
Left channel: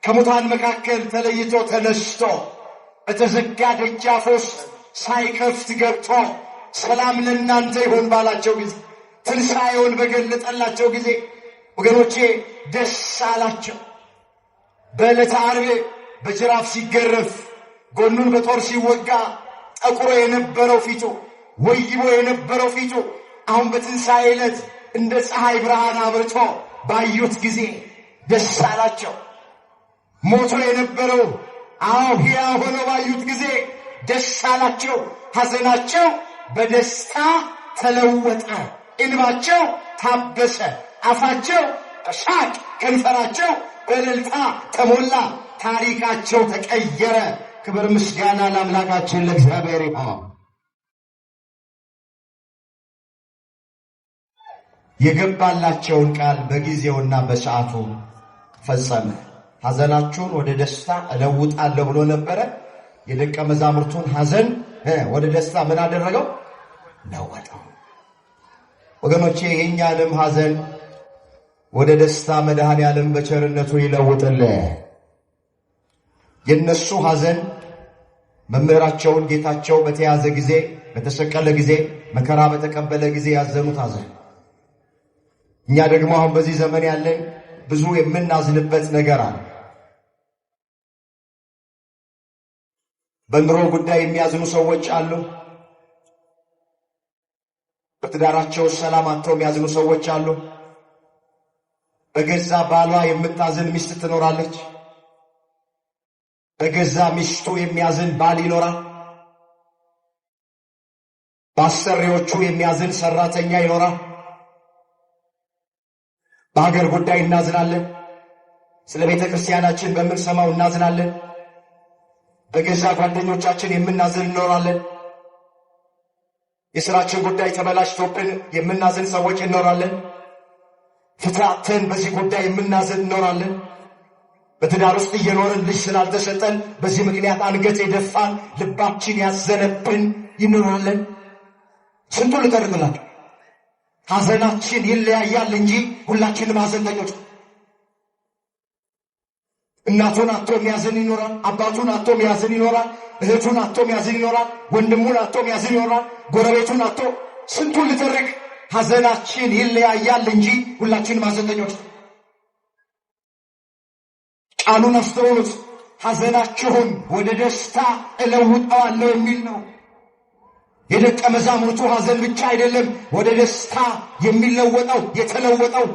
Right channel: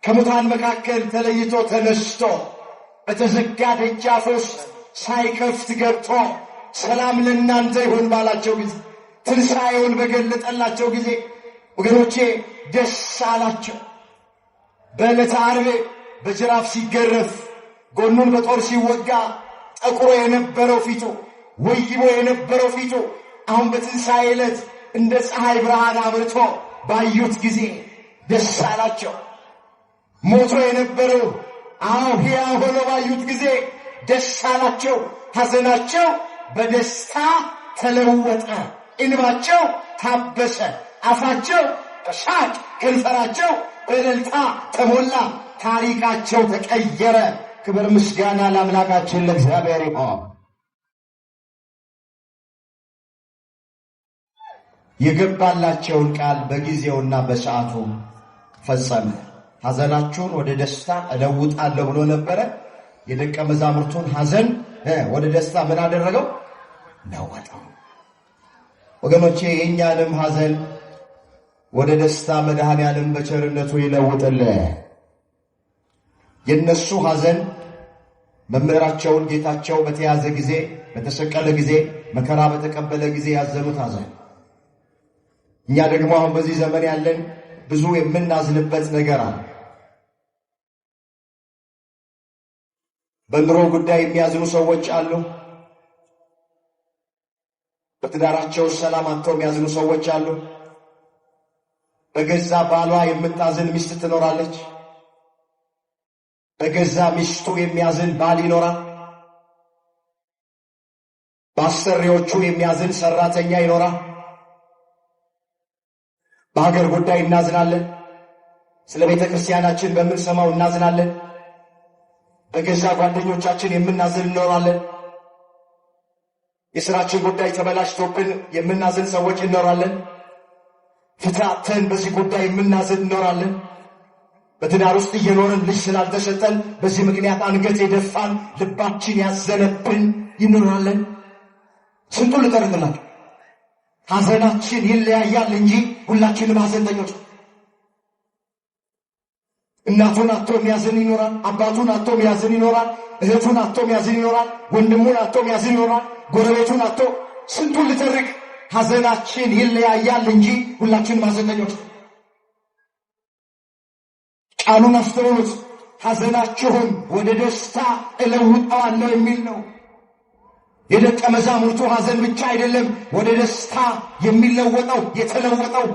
ከሙታን መካከል ተለይቶ ተነስቶ በተዘጋ ደጃፍ ውስጥ ሳይከፍት ገብቶ ሰላም ለእናንተ ይሁን ባላቸው ጊዜ፣ ትንሣኤውን በገለጠላቸው ጊዜ ወገኖቼ ደስ አላቸው። በዕለተ ዓርብ በጅራፍ ሲገረፍ ጎኑን በጦር ሲወጋ ጠቁሮ የነበረው ፊቱ፣ ወይቦ የነበረው ፊቱ አሁን በትንሣኤ ዕለት እንደ ፀሐይ ብርሃን አብርቶ ባዩት ጊዜ ደስ አላቸው። ሞቶ የነበረው ሕያው ሆኖ ባዩት ጊዜ ደስ አላቸው። ሐዘናቸው በደስታ ተለወጠ፣ እንባቸው ታበሰ፣ አፋቸው በሳቅ ከንፈራቸው በእልልታ ተሞላ፣ ታሪካቸው ተቀየረ። ክብር ምስጋና ለአምላካችን ለእግዚአብሔር ይሁን። የገባላቸውን ቃል በጊዜውና በሰዓቱ ፈጸመ። ሐዘናችሁን ወደ ደስታ እለውጣለሁ ብሎ ነበረ። የደቀ መዛሙርቱን ሐዘን ወደ ደስታ ምን አደረገው? ለወጠው። ወገኖቼ የእኛንም ሐዘን ወደ ደስታ መድኃኔዓለም በቸርነቱ ይለውጥልን። የነሱ ሐዘን መምህራቸውን ጌታቸው በተያዘ ጊዜ፣ በተሰቀለ ጊዜ፣ መከራ በተቀበለ ጊዜ ያዘኑት ሐዘን፣ እኛ ደግሞ አሁን በዚህ ዘመን ያለን ብዙ የምናዝንበት ነገር አለ። በኑሮ ጉዳይ የሚያዝኑ ሰዎች አሉ። በትዳራቸው ሰላም አጥተው የሚያዝኑ ሰዎች አሉ። በገዛ ባሏ የምታዝን ሚስት ትኖራለች። በገዛ ሚስቱ የሚያዝን ባል ይኖራል። በአሰሪዎቹ የሚያዝን ሰራተኛ ይኖራል። በሀገር ጉዳይ እናዝናለን። ስለ ቤተ ክርስቲያናችን በምንሰማው እናዝናለን። በገዛ ጓደኞቻችን የምናዝን እንኖራለን። የሥራችን ጉዳይ ተበላሽቶብን የምናዝን ሰዎች እንኖራለን። ፍታተን በዚህ ጉዳይ የምናዝን እንኖራለን። በትዳር ውስጥ እየኖርን ልጅ ስላልተሰጠን በዚህ ምክንያት አንገት የደፋን ልባችን ያዘነብን ይኖራለን። ስንቱን ልጠርግላችሁ። ሐዘናችን ይለያያል እንጂ ሁላችንም ሐዘንተኞች። እናቱን አጥቶ የሚያዝን ይኖራል። አባቱን አጥቶ የሚያዝን ይኖራል። እህቱን አጥቶ የሚያዝን ይኖራል። ወንድሙን አጥቶ የሚያዝን ይኖራል። ጎረቤቱን አጥቶ ስንቱን ልጠርግ። ሐዘናችን ይለያያል እንጂ ሁላችንም ሐዘንተኞች። ቃሉን አስተውሉት። ሐዘናችሁን ወደ ደስታ እለውጠዋለሁ የሚል ነው። የደቀ መዛሙርቱ ሐዘን ብቻ አይደለም ወደ ደስታ የሚለወጠው የተለወጠው።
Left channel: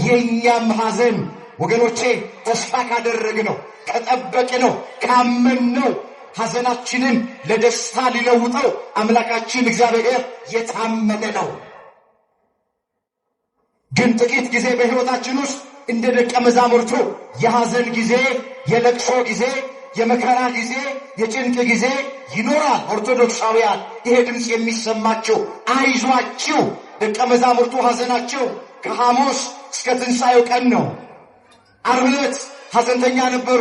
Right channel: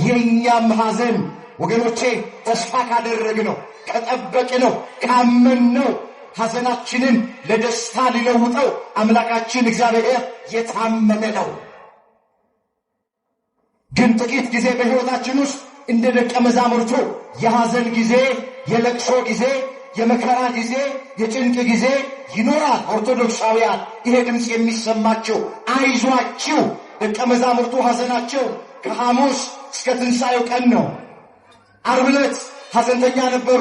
የኛም ሐዘን ወገኖቼ ተስፋ ካደረግነው፣ ከጠበቅነው፣ ካመንነው ሐዘናችንን ለደስታ ሊለውጠው አምላካችን እግዚአብሔር የታመነ ነው። ግን ጥቂት ጊዜ በሕይወታችን ውስጥ እንደ ደቀ መዛሙርቱ የሐዘን ጊዜ፣ የለቅሶ ጊዜ፣ የመከራ ጊዜ፣ የጭንቅ ጊዜ ይኖራል። ኦርቶዶክሳውያን ይሄ ድምፅ የሚሰማቸው አይዟችሁ። ደቀ መዛሙርቱ ሐዘናቸው ከሐሙስ እስከ ትንሣኤው ቀን ነው። ዓርብ ዕለት ሐዘንተኛ ነበሩ።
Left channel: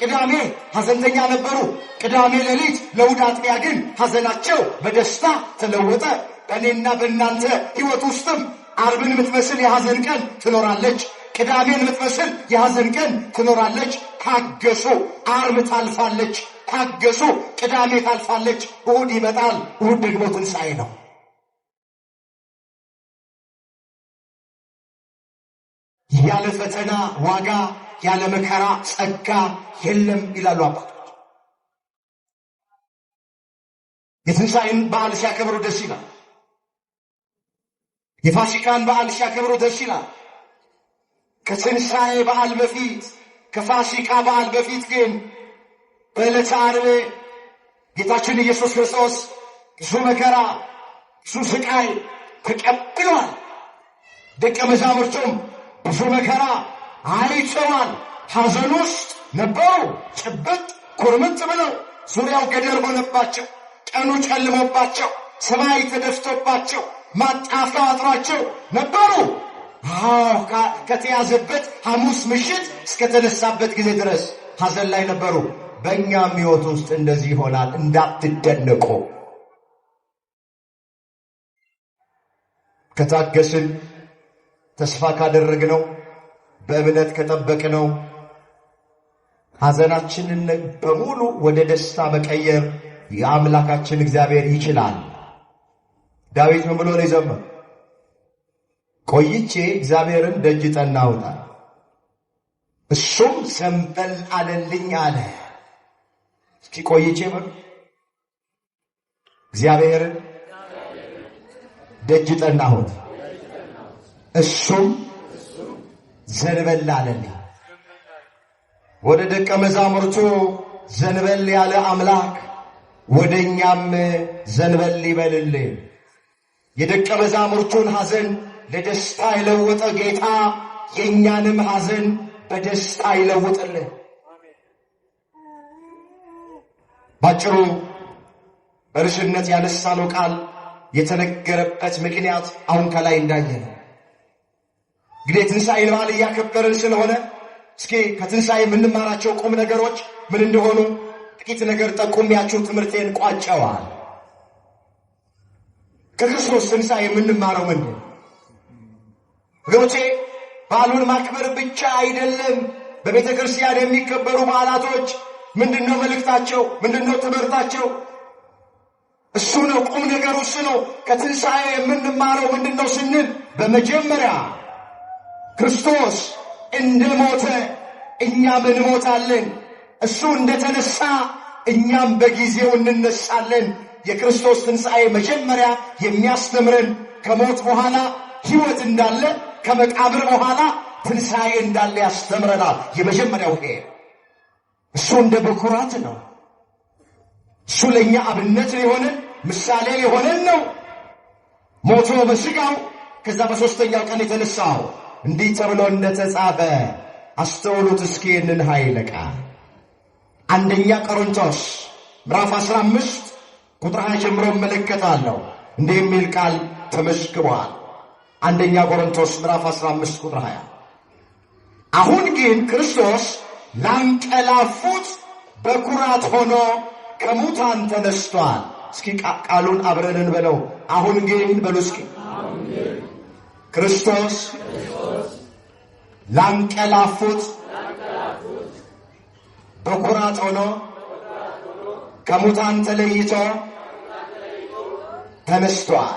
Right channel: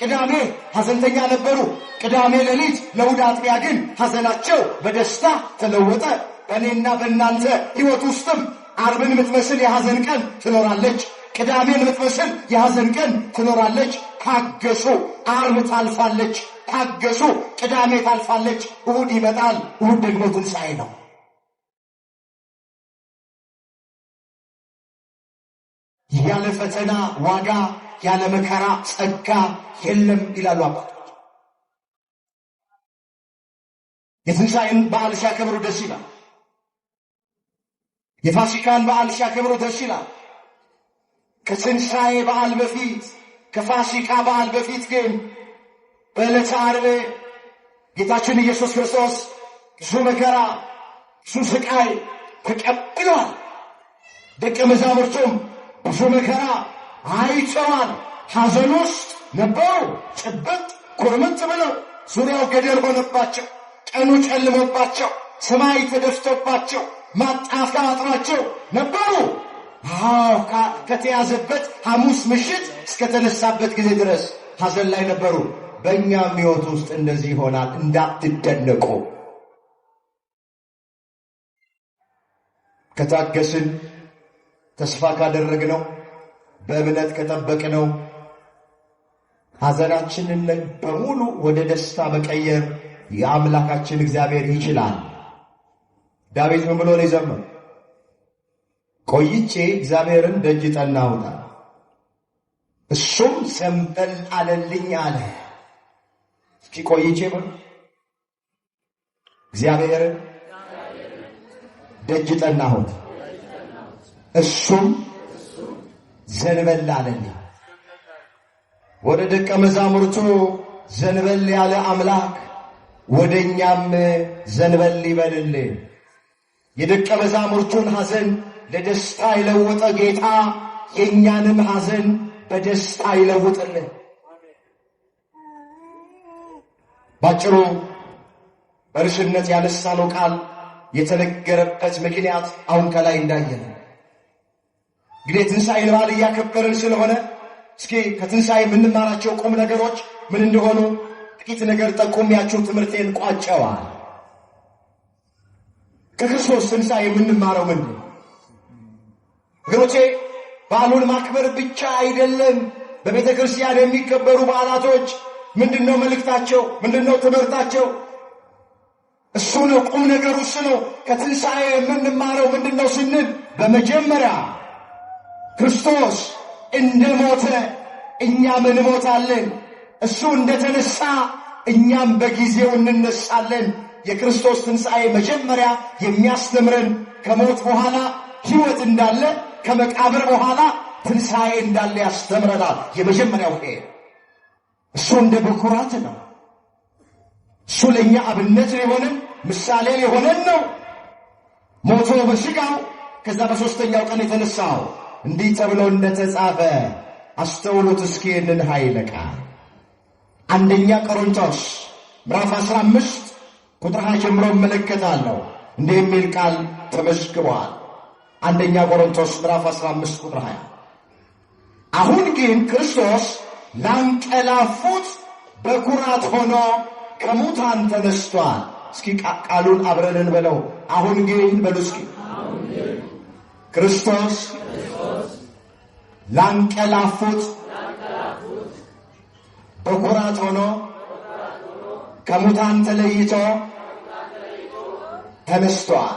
ቅዳሜ ሐዘንተኛ ነበሩ። ቅዳሜ ሌሊት ለእሑድ አጥቢያ ግን ሐዘናቸው በደስታ ተለወጠ። በእኔና በእናንተ ሕይወት ውስጥም ዓርብን የምትመስል የሐዘን ቀን ትኖራለች። ቅዳሜን የምትመስል የሐዘን ቀን ትኖራለች። ታገሱ፣ ዓርብ ታልፋለች። ታገሱ፣ ቅዳሜ ታልፋለች። እሑድ ይመጣል። እሑድ ደግሞ ትንሣኤ ነው። ያለ ፈተና ዋጋ፣ ያለ መከራ ጸጋ የለም ይላሉ አባቶች። የትንሣኤን በዓል ሲያከብሩ ደስ ይላል። የፋሲካን በዓል ሲያከብሩ ደስ ይላል። ከትንሣኤ በዓል በፊት፣ ከፋሲካ በዓል በፊት ግን በዕለተ ዓርብ ጌታችን ኢየሱስ ክርስቶስ ብዙ መከራ፣ ብዙ ስቃይ ተቀብሏል። ደቀ መዛሙርቱም ብዙ መከራ አይተዋል። ሐዘን ውስጥ ነበሩ። ጭብጥ ኩርምት ብለው ዙሪያው ገደል ሆነባቸው። ቀኑ ጨልሞባቸው፣ ሰማይ ተደፍቶባቸው፣ ማጣፊያ አጥሯቸው ነበሩ። ከተያዘበት ሐሙስ ምሽት እስከተነሳበት ጊዜ ድረስ ሐዘን ላይ ነበሩ። በእኛም ሕይወት ውስጥ እንደዚህ ይሆናል። እንዳትደነቁ። ከታገስን፣ ተስፋ ካደረግነው፣ በእምነት ከጠበቅነው ሐዘናችንን በሙሉ ወደ ደስታ መቀየር የአምላካችን እግዚአብሔር ይችላል። ዳዊት ምን ብሎ ነው የዘመረው? ቆይቼ እግዚአብሔርን ደጅ ጠናሁት፣ እሱም ዘንበል አለልኝ አለ። እስኪ ቆይቼ እግዚአብሔርን ደጅ ጠናሁት፣ እሱም ዘንበል አለልኝ። ወደ ደቀ መዛሙርቱ ዘንበል ያለ አምላክ ወደ እኛም ዘንበል ይበልልን። የደቀ መዛሙርቱን ሐዘን ለደስታ የለወጠ ጌታ የእኛንም ሐዘን በደስታ ይለውጥልን። ባጭሩ በርዕስነት ያነሳነው ቃል የተነገረበት ምክንያት አሁን ከላይ እንዳየነው እንግዲህ ትንሣኤ በዓል እያከበርን ስለሆነ እስኪ ከትንሣኤ የምንማራቸው ቁም ነገሮች ምን እንደሆኑ ጥቂት ነገር ጠቁሜያችሁ ትምህርቴን ቋጨዋል። ከክርስቶስ ትንሣኤ የምንማረው ምንድን ነው? ወገኖቼ በዓሉን ማክበር ብቻ አይደለም። በቤተ ክርስቲያን የሚከበሩ በዓላቶች ምንድነው መልእክታቸው? ምንድነው ትምህርታቸው? እሱ ነው ቁም ነገሩ፣ እሱ ነው። ከትንሣኤ የምንማረው ምንድነው ስንል በመጀመሪያ ክርስቶስ እንደሞተ እኛም እንሞታለን። እሱ እንደተነሳ እኛም በጊዜው እንነሳለን። የክርስቶስ ትንሣኤ መጀመሪያ የሚያስተምረን ከሞት በኋላ ሕይወት እንዳለ፣ ከመቃብር በኋላ ትንሣኤ እንዳለ ያስተምረናል። የመጀመሪያው ይሄ እሱ እንደ በኩራት ነው። እሱ ለእኛ አብነት ሊሆነን ምሳሌ ሊሆነን ነው። ሞቶ በሥጋው ከዛ በሦስተኛው ቀን የተነሳው እንዲህ ተብሎ እንደተጻፈ አስተውሉት እስኪ ይህንን ኃይለ ቃል አንደኛ ቆሮንቶስ ምዕራፍ 15 ቁጥር 20 ጀምሮ እመለከታለሁ። እንዲህ የሚል ቃል ተመስክሯል። አንደኛ ቆሮንቶስ ምዕራፍ 15 ቁጥር 20 አሁን ግን ክርስቶስ ላንቀላፉት በኩራት ሆኖ ከሙታን ተነስቷል። እስኪ ቃሉን አብረን እንበለው። አሁን ግን በሉ እስኪ ክርስቶስ ላንቀላፉት በኩራት ሆኖ ከሙታን ተለይቶ ተነስቷል።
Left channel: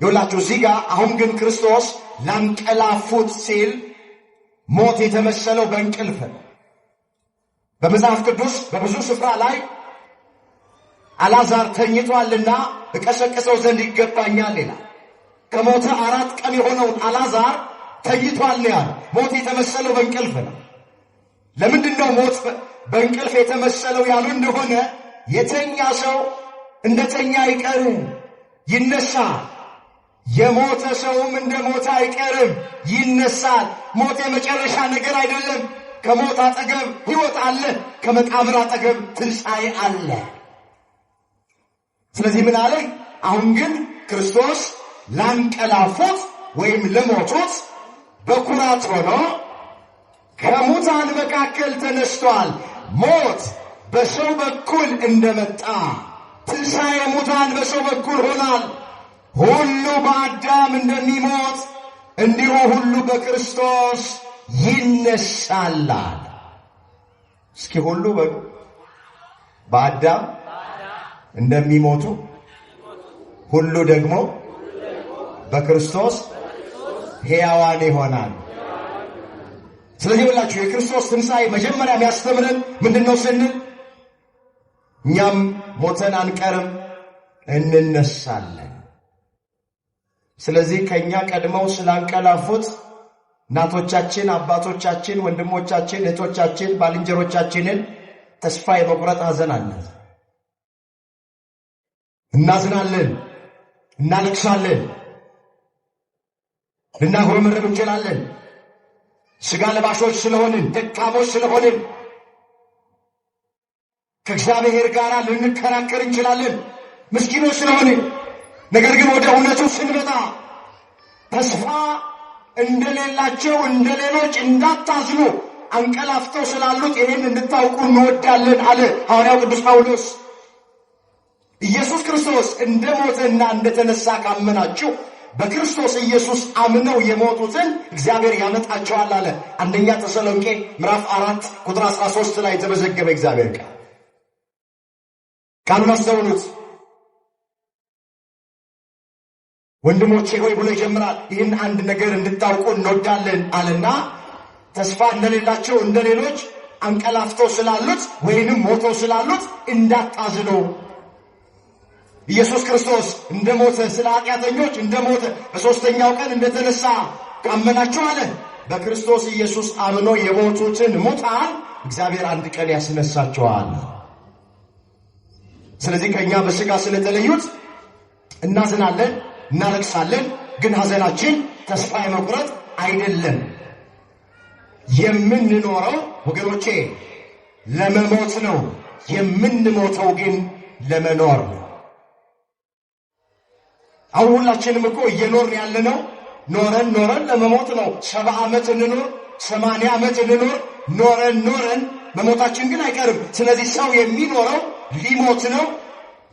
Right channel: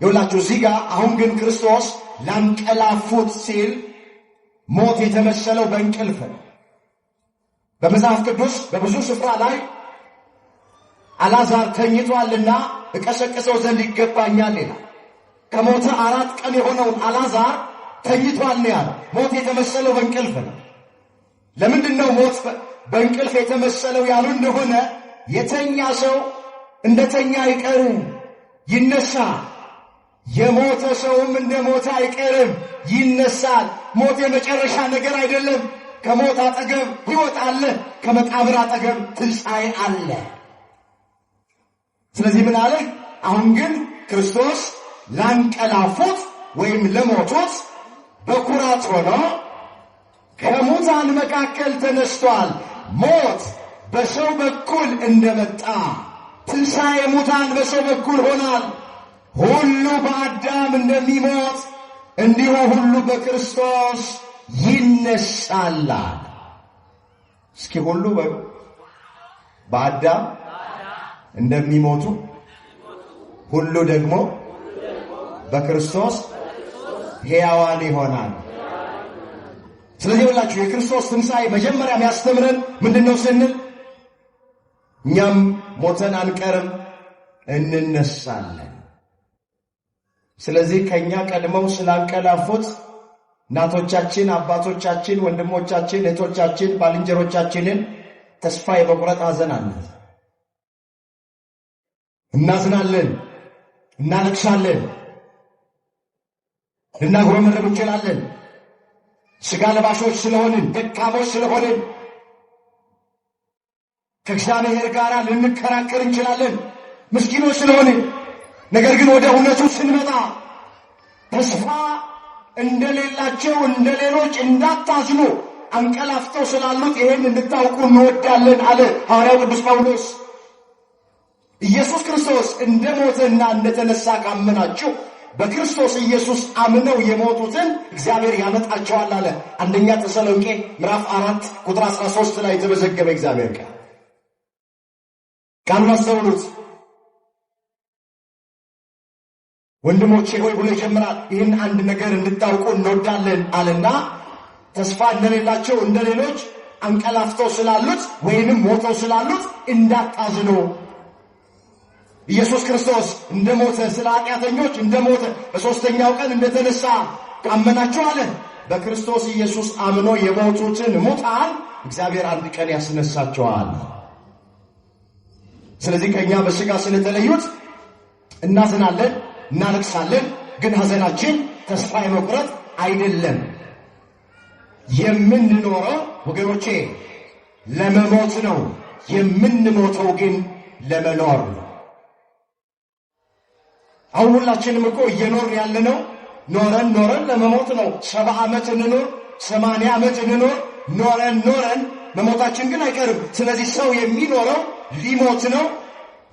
ይኸውላችሁ እዚህ ጋር አሁን ግን ክርስቶስ ላንቀላፉት ሲል ሞት የተመሰለው በእንቅልፍ ነው። በመጽሐፍ ቅዱስ በብዙ ስፍራ ላይ አልዓዛር ተኝቷልና እቀሰቅሰው ዘንድ ይገባኛል ይላል። ከሞተ 4 ቀን የሆነውን አልዓዛር ተኝቷል ያለ። ሞት የተመሰለው በእንቅልፍ ነው። ለምንድን ነው ሞት በእንቅልፍ የተመሰለው ያሉ እንደሆነ የተኛ ሰው እንደተኛ አይቀርም፣ ይነሳል። የሞተ ሰውም እንደ ሞተ አይቀርም፣ ይነሳል። ሞት የመጨረሻ ነገር አይደለም። ከሞት አጠገብ ሕይወት አለ፣ ከመቃብር አጠገብ ትንሣኤ አለ። ስለዚህ ምን አለ? አሁን ግን ክርስቶስ ላንቀላፉት ወይም ለሞቱት በኩራት ሆኖ ከሙታን መካከል ተነስቷል። ሞት በሰው በኩል እንደመጣ ትንሣኤ ሙታን በሰው በኩል ሆናል። ሁሉ በአዳም እንደሚሞት እንዲሁ ሁሉ በክርስቶስ ይነሳል። እስኪ ሁሉ በአዳም እንደሚሞቱ ሁሉ ደግሞ በክርስቶስ ሕያዋን ይሆናል። ስለዚህ ሁላችሁ የክርስቶስ ትንሣኤ መጀመሪያ የሚያስተምረን ምንድነው ስንል እኛም ሞተን አንቀርም፣ እንነሳለን። ስለዚህ ከኛ ቀድመው ስላንቀላፉት እናቶቻችን፣ አባቶቻችን፣ ወንድሞቻችን፣ እህቶቻችን፣ ባልንጀሮቻችንን ተስፋ የመቁረጥ ሐዘን አለ። እናዝናለን፣ እናለቅሳለን፣ ልናጉረመረም እንችላለን። ሥጋ ለባሾች ስለሆንን፣ ደካሞች ስለሆንን ከእግዚአብሔር ጋር ልንከራከር እንችላለን፣ ምስኪኖች ስለሆንን። ነገር ግን ወደ እውነቱ ስንመጣ ተስፋ እንደሌላቸው እንደ ሌሎች እንዳታዝኑ አንቀላፍተው ስላሉት ይህን እንድታውቁ እንወዳለን አለ ሐዋርያው ቅዱስ ጳውሎስ። ኢየሱስ ክርስቶስ እንደ ሞተና እንደተነሳ ካመናችሁ በክርስቶስ ኢየሱስ አምነው የሞቱትን እግዚአብሔር ያመጣቸዋል አለ። አንደኛ ተሰሎንቄ ምዕራፍ 4 ቁጥር 13 ላይ የተመዘገበ እግዚአብሔር ቃል። ቃሉን አስተውሉት። ወንድሞቼ ሆይ ብሎ ይጀምራል። ይህን አንድ ነገር እንድታውቁ እንወዳለን አለና ተስፋ እንደሌላቸው እንደ ሌሎች አንቀላፍተው ስላሉት ወይንም ሞተው ስላሉት እንዳታዝኑ። ኢየሱስ ክርስቶስ እንደሞተ ስለ ኃጢአተኞች እንደሞተ በሦስተኛው ቀን እንደተነሳ ካመናችሁ አለ በክርስቶስ ኢየሱስ አምኖ የሞቱትን ሙታን እግዚአብሔር አንድ ቀን ያስነሳቸዋል። ስለዚህ ከእኛ በሥጋ ስለተለዩት እናዝናለን፣ እናለቅሳለን። ግን ሐዘናችን ተስፋ የመቁረጥ አይደለም። የምንኖረው ወገኖቼ ለመሞት ነው። የምንሞተው ግን ለመኖር ነው። አሁን ሁላችንም እኮ እየኖርን ያለነው ኖረን ለመሞት ነው። 70 ዓመት እንኖር፣ 80 ዓመት እንኖር፣ ኖረን መሞታችን ግን አይቀርም። ስለዚህ ሰው የሚኖረው ሊሞት ነው።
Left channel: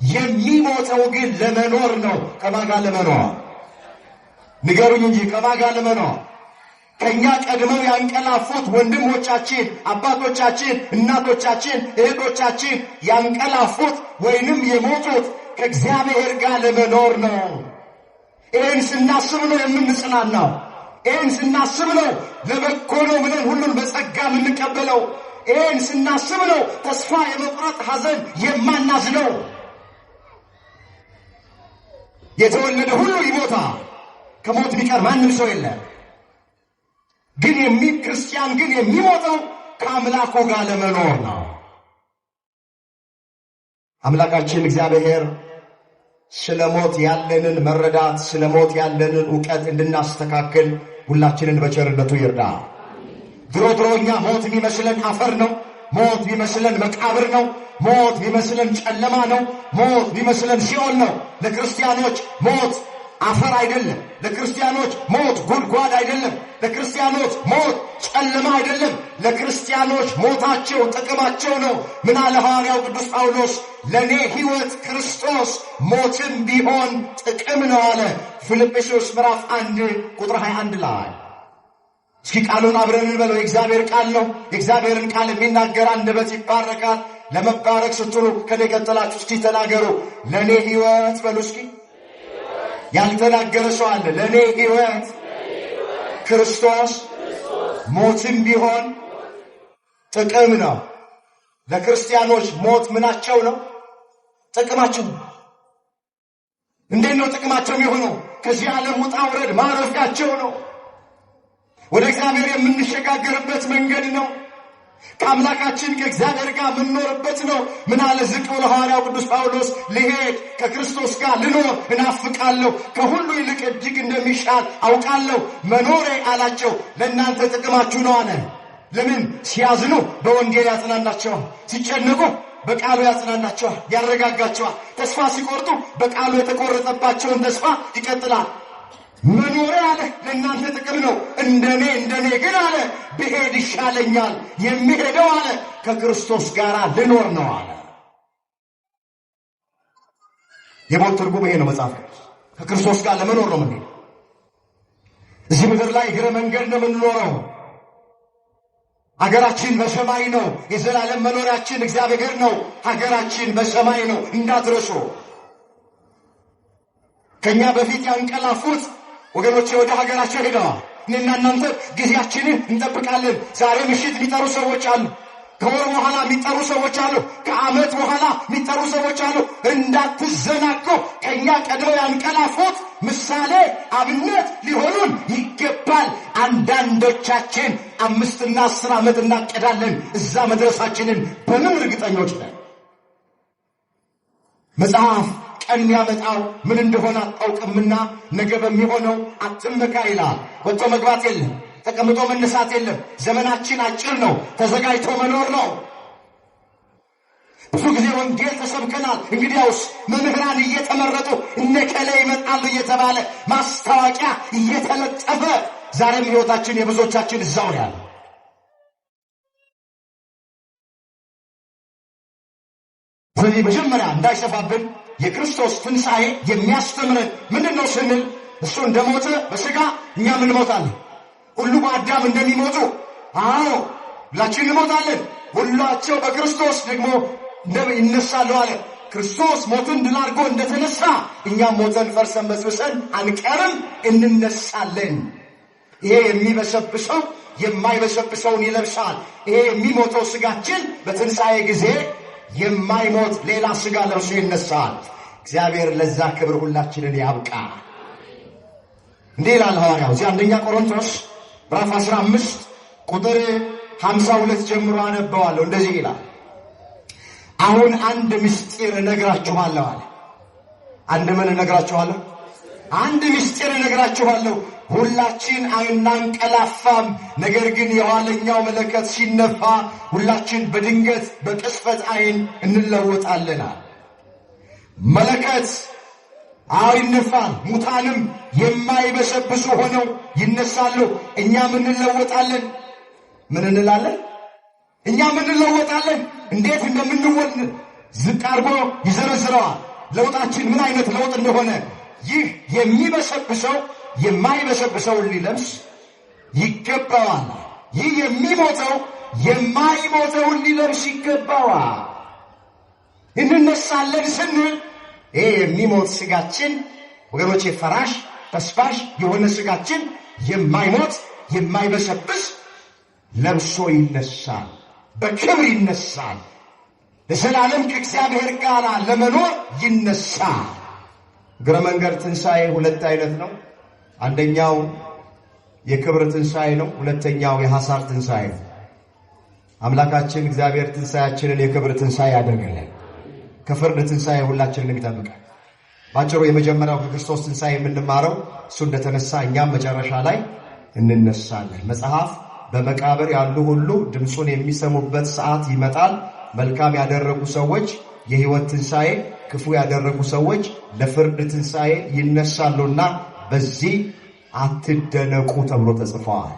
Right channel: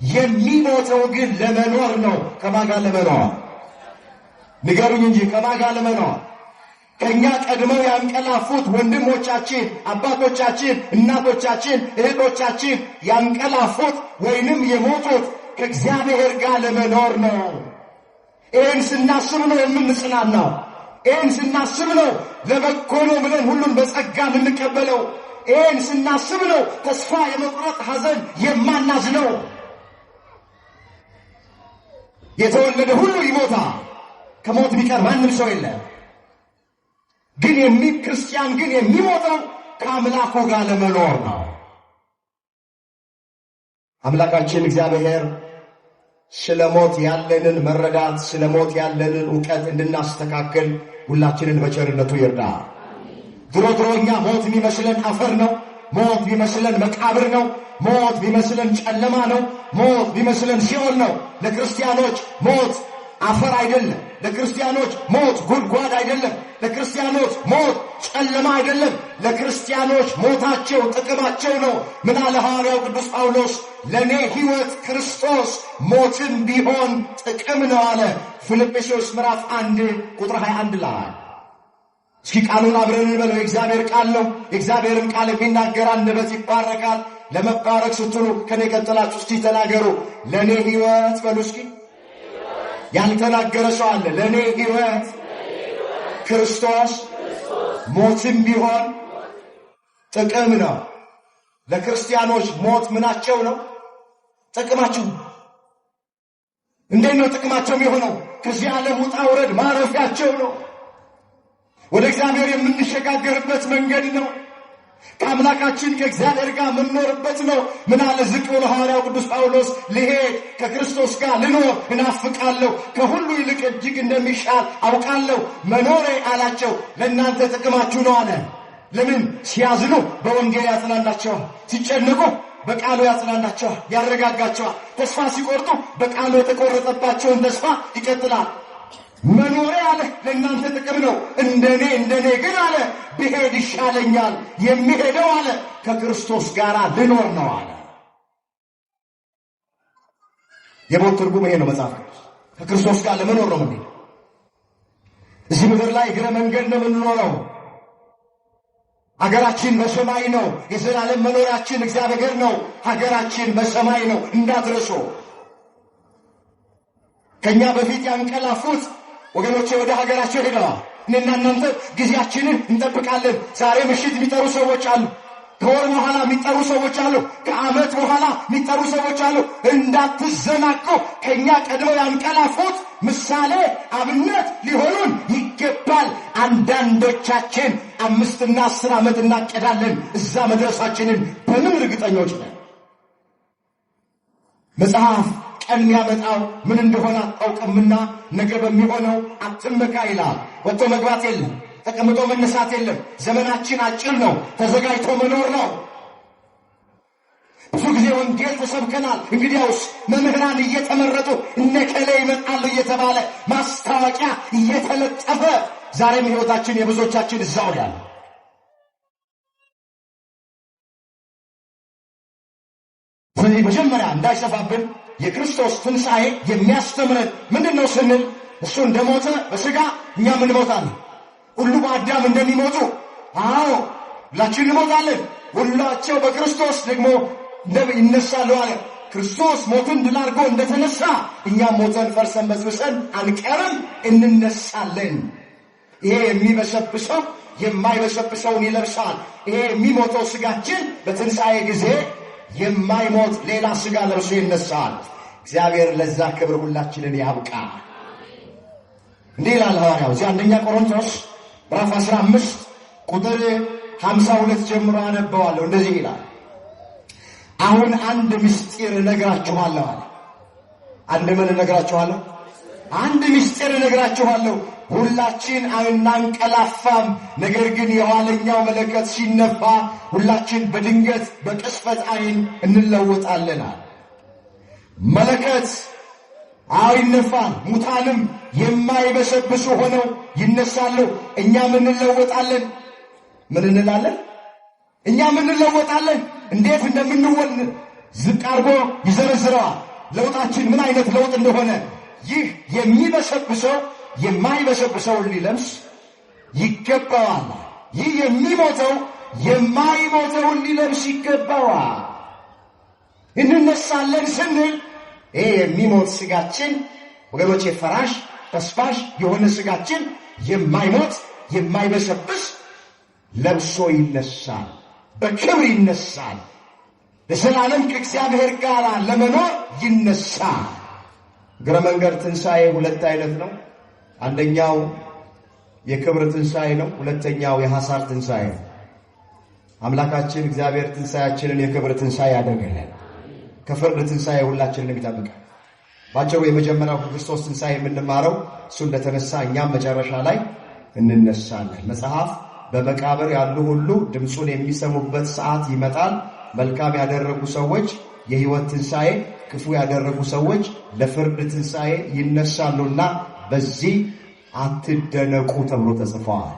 የሚሞተው ግን ለመኖር ነው። ከማን ጋር ለመኖር? ንገሩኝ እንጂ ከማን ጋር ለመኖር? ከእኛ ቀድመው ያንቀላፉት ወንድሞቻችን፣ አባቶቻችን፣ እናቶቻችን፣ እህቶቻችን ያንቀላፉት ወይንም የሞቱት ከእግዚአብሔር ጋር ለመኖር ነው። ይህን ስናስብ ነው የምንጽናናው። ይህን ስናስብ ነው ለበጎ ነው ብለን ሁሉን በጸጋ የምንቀበለው። ይህን ስናስብ ነው ተስፋ የመቁረጥ ሐዘን የማናዝነው። የተወለደ ሁሉ ይሞታል፣ ከሞት ቢቀር ማንም ሰው የለም። ግን ክርስቲያን ግን የሚሞተው ከአምላኩ ጋር ለመኖር ነው። አምላካችን እግዚአብሔር ስለ ሞት ያለንን መረዳት፣ ስለ ሞት ያለንን ዕውቀት እንድናስተካክል ሁላችንን በቸርነቱ ይርዳ። ድሮ እኛ ሞት ቢመስለን አፈር ነው። ሞት ቢመስለን መቃብር ነው። ሞት ቢመስለን ጨለማ ነው። ሞት ቢመስለን ሲኦል ነው። ለክርስቲያኖች ሞት አፈር አይደለም። ለክርስቲያኖች ሞት ጉድጓድ አይደለም። ለክርስቲያኖች ሞት ጨለማ አይደለም። ለክርስቲያኖች ሞታቸው ጥቅማቸው ነው። ምን አለ ሐዋርያው ቅዱስ ጳውሎስ? ለእኔ ሕይወት ክርስቶስ ሞትም ቢሆን ጥቅም ነው አለ ፊልጵስዩስ ምዕራፍ 1 ቁጥር 21 ላይ። እስኪ ቃሉን አብረን እንበለው። የእግዚአብሔር ቃል ነው። የእግዚአብሔርን ቃል የሚናገር አንደበት ይባረካል። ለመባረክ ስትሉ ከኔ ቀጥላችሁ እስኪ ተናገሩ። ለእኔ ሕይወት በሉ እስኪ። ያልተናገረ ሰው አለ? ለእኔ ሕይወት ክርስቶስ ሞትም ቢሆን ጥቅም ነው። ለክርስቲያኖች ሞት ምናቸው ነው? ጥቅማቸው ነው። እንዴት ነው ጥቅማቸው የሆነው? ከዚህ ዓለም ውጣ ውረድ ማረፊያቸው ነው። ወደ እግዚአብሔር የምንሸጋገርበት መንገድ ነው። ከአምላካችን ከእግዚአብሔር ጋር የምንኖርበት ነው። ምን አለ ዝቅ ብሎ ሐዋርያው ቅዱስ ጳውሎስ? ልሄድ ከክርስቶስ ጋር ልኖር እናፍቃለሁ፣ ከሁሉ ይልቅ እጅግ እንደሚሻል አውቃለሁ። መኖሬ አላቸው ለእናንተ ጥቅማችሁ ነው አለ። ለምን? ሲያዝኑ በወንጌል ያጽናናቸዋል፣ ሲጨነቁ በቃሉ ያጽናናቸዋል፣ ያረጋጋቸዋል። ተስፋ ሲቆርጡ በቃሉ የተቆረጠባቸውን ተስፋ ይቀጥላል። መኖሬ አለ ለእናንተ ጥቅም ነው። እንደኔ ግን አለ ብሄድ ይሻለኛል። የሚሄደው አለ ከክርስቶስ ጋር ልኖር ነው አለ። የሞት ትርጉም ይሄ ነው። መጽሐፍ ከክርስቶስ ጋር ለመኖር ነው። ምን እዚህ ምድር ላይ እግረ መንገድ ነው የምንኖረው። ሀገራችን በሰማይ ነው። የዘላለም መኖሪያችን እግዚአብሔር ነው። ሀገራችን በሰማይ ነው እንዳትረሱ። ከኛ በፊት ያንቀላፉት ወገኖቼ ወደ ሀገራቸው ሄደዋል። እኔና እናንተ ጊዜያችንን እንጠብቃለን። ዛሬ ምሽት የሚጠሩ ሰዎች አሉ። ከወር በኋላ የሚጠሩ ሰዎች አሉ። ከዓመት በኋላ የሚጠሩ ሰዎች አሉ። እንዳትዘናጉ። ከኛ ቀድመው ያንቀላፉት ምሳሌ አብነት ሊሆኑን ይገባል። አንዳንዶቻችን 5 እና 10 ዓመት እናቀዳለን። እዛ መድረሳችንን በምን እርግጠኞች ነን? መጽሐፍ ቀን የሚያመጣው ምን እንደሆነ አታውቅምና ነገ በሚሆነው አትመካ ይላል። ወጥቶ መግባት የለም፣ ተቀምጦ መነሳት የለም። ዘመናችን አጭር ነው። ተዘጋጅቶ መኖር ነው። ብዙ ጊዜ ወንጌል ተሰብከናል። እንግዲያውስ መምህራን እየተመረጡ እነከለ ይመጣሉ እየተባለ ማስታወቂያ እየተለጠፈ ዛሬም ሕይወታችን የብዙዎቻችን እዛው ያለ። ስለዚህ መጀመሪያ እንዳይሰፋብን የክርስቶስ ትንሣኤ የሚያስተምረን ምንድን ነው ስንል እሱ እንደሞተ በሥጋ እኛም እንሞታለን። ሁሉ በአዳም እንደሚሞቱ አዎ ሁላችን እንሞታለን። ሁላቸው በክርስቶስ ደግሞ ይነሳሉ አለ። ክርስቶስ ሞትን ድል አድርጎ እንደተነሳ እኛም ሞተን ፈርሰን በስብሰን አንቀርም፣ እንነሳለን። ይሄ የሚበሰብሰው የማይበሰብሰውን ይለብሳል። ይሄ የሚሞተው ሥጋችን በትንሣኤ ጊዜ የማይሞት ሌላ ሥጋ ለብሶ ይነሳል። እግዚአብሔር ለዛ ክብር ሁላችንን ያብቃ። እንዲህ ይላል ሐዋርያው እዚህ አንደኛ ቆሮንቶስ ምዕራፍ 15 ቁጥር 52 ጀምሮ አነበዋለሁ። እንደዚህ ይላል፣ አሁን አንድ ምስጢር እነግራችኋለሁ አለ። አንድ ምን እነግራችኋለሁ? አንድ ምስጢር እነግራችኋለሁ። ሁላችን አናንቀላፋም፣ ነገር ግን የኋለኛው መለከት ሲነፋ ሁላችን በድንገት በቅጽበት ዓይን እንለወጣለን። መለከት ይነፋል፣ ሙታንም የማይበሰብሱ ሆነው ይነሳሉ። እኛም እንለወጣለን። ምን እንላለን? እኛም እንለወጣለን። እንዴት እንደምንወል ዝቅ አድርጎ ይዘረዝረዋል። ለውጣችን ምን አይነት ለውጥ እንደሆነ ይህ የሚበሰብሰው የማይበሰብሰውን ሊለብስ ይገባዋል። ይህ የሚሞተው የማይሞተውን ሊለብስ ይገባዋል። እንነሳለን ስንል ይሄ የሚሞት ሥጋችን ወገኖቼ ፈራሽ በስባሽ የሆነ ሥጋችን የማይሞት የማይበሰብስ ለብሶ ይነሳል፣ በክብር ይነሳል። ለዘላለም ከእግዚአብሔር ጋር ለመኖር ይነሳል። እግረ መንገድ ትንሣኤ ሁለት አይነት ነው። አንደኛው የክብር ትንሣኤ ነው። ሁለተኛው የሐሳር ትንሣኤ ነው። አምላካችን እግዚአብሔር ትንሣኤያችንን የክብር ትንሣኤ ያደርገናል። ከፍርድ ትንሣኤ ሁላችንን ይጠብቃል። ባጭሩ የመጀመሪያው ከክርስቶስ ትንሣኤ የምንማረው እሱ እንደተነሳ እኛም መጨረሻ ላይ እንነሳለን። መጽሐፍ በመቃብር ያሉ ሁሉ ድምፁን የሚሰሙበት ሰዓት ይመጣል። መልካም ያደረጉ ሰዎች የሕይወት ትንሣኤ፣ ክፉ ያደረጉ ሰዎች ለፍርድ ትንሣኤ ይነሳሉና በዚህ አትደነቁ ተብሎ ተጽፈዋል።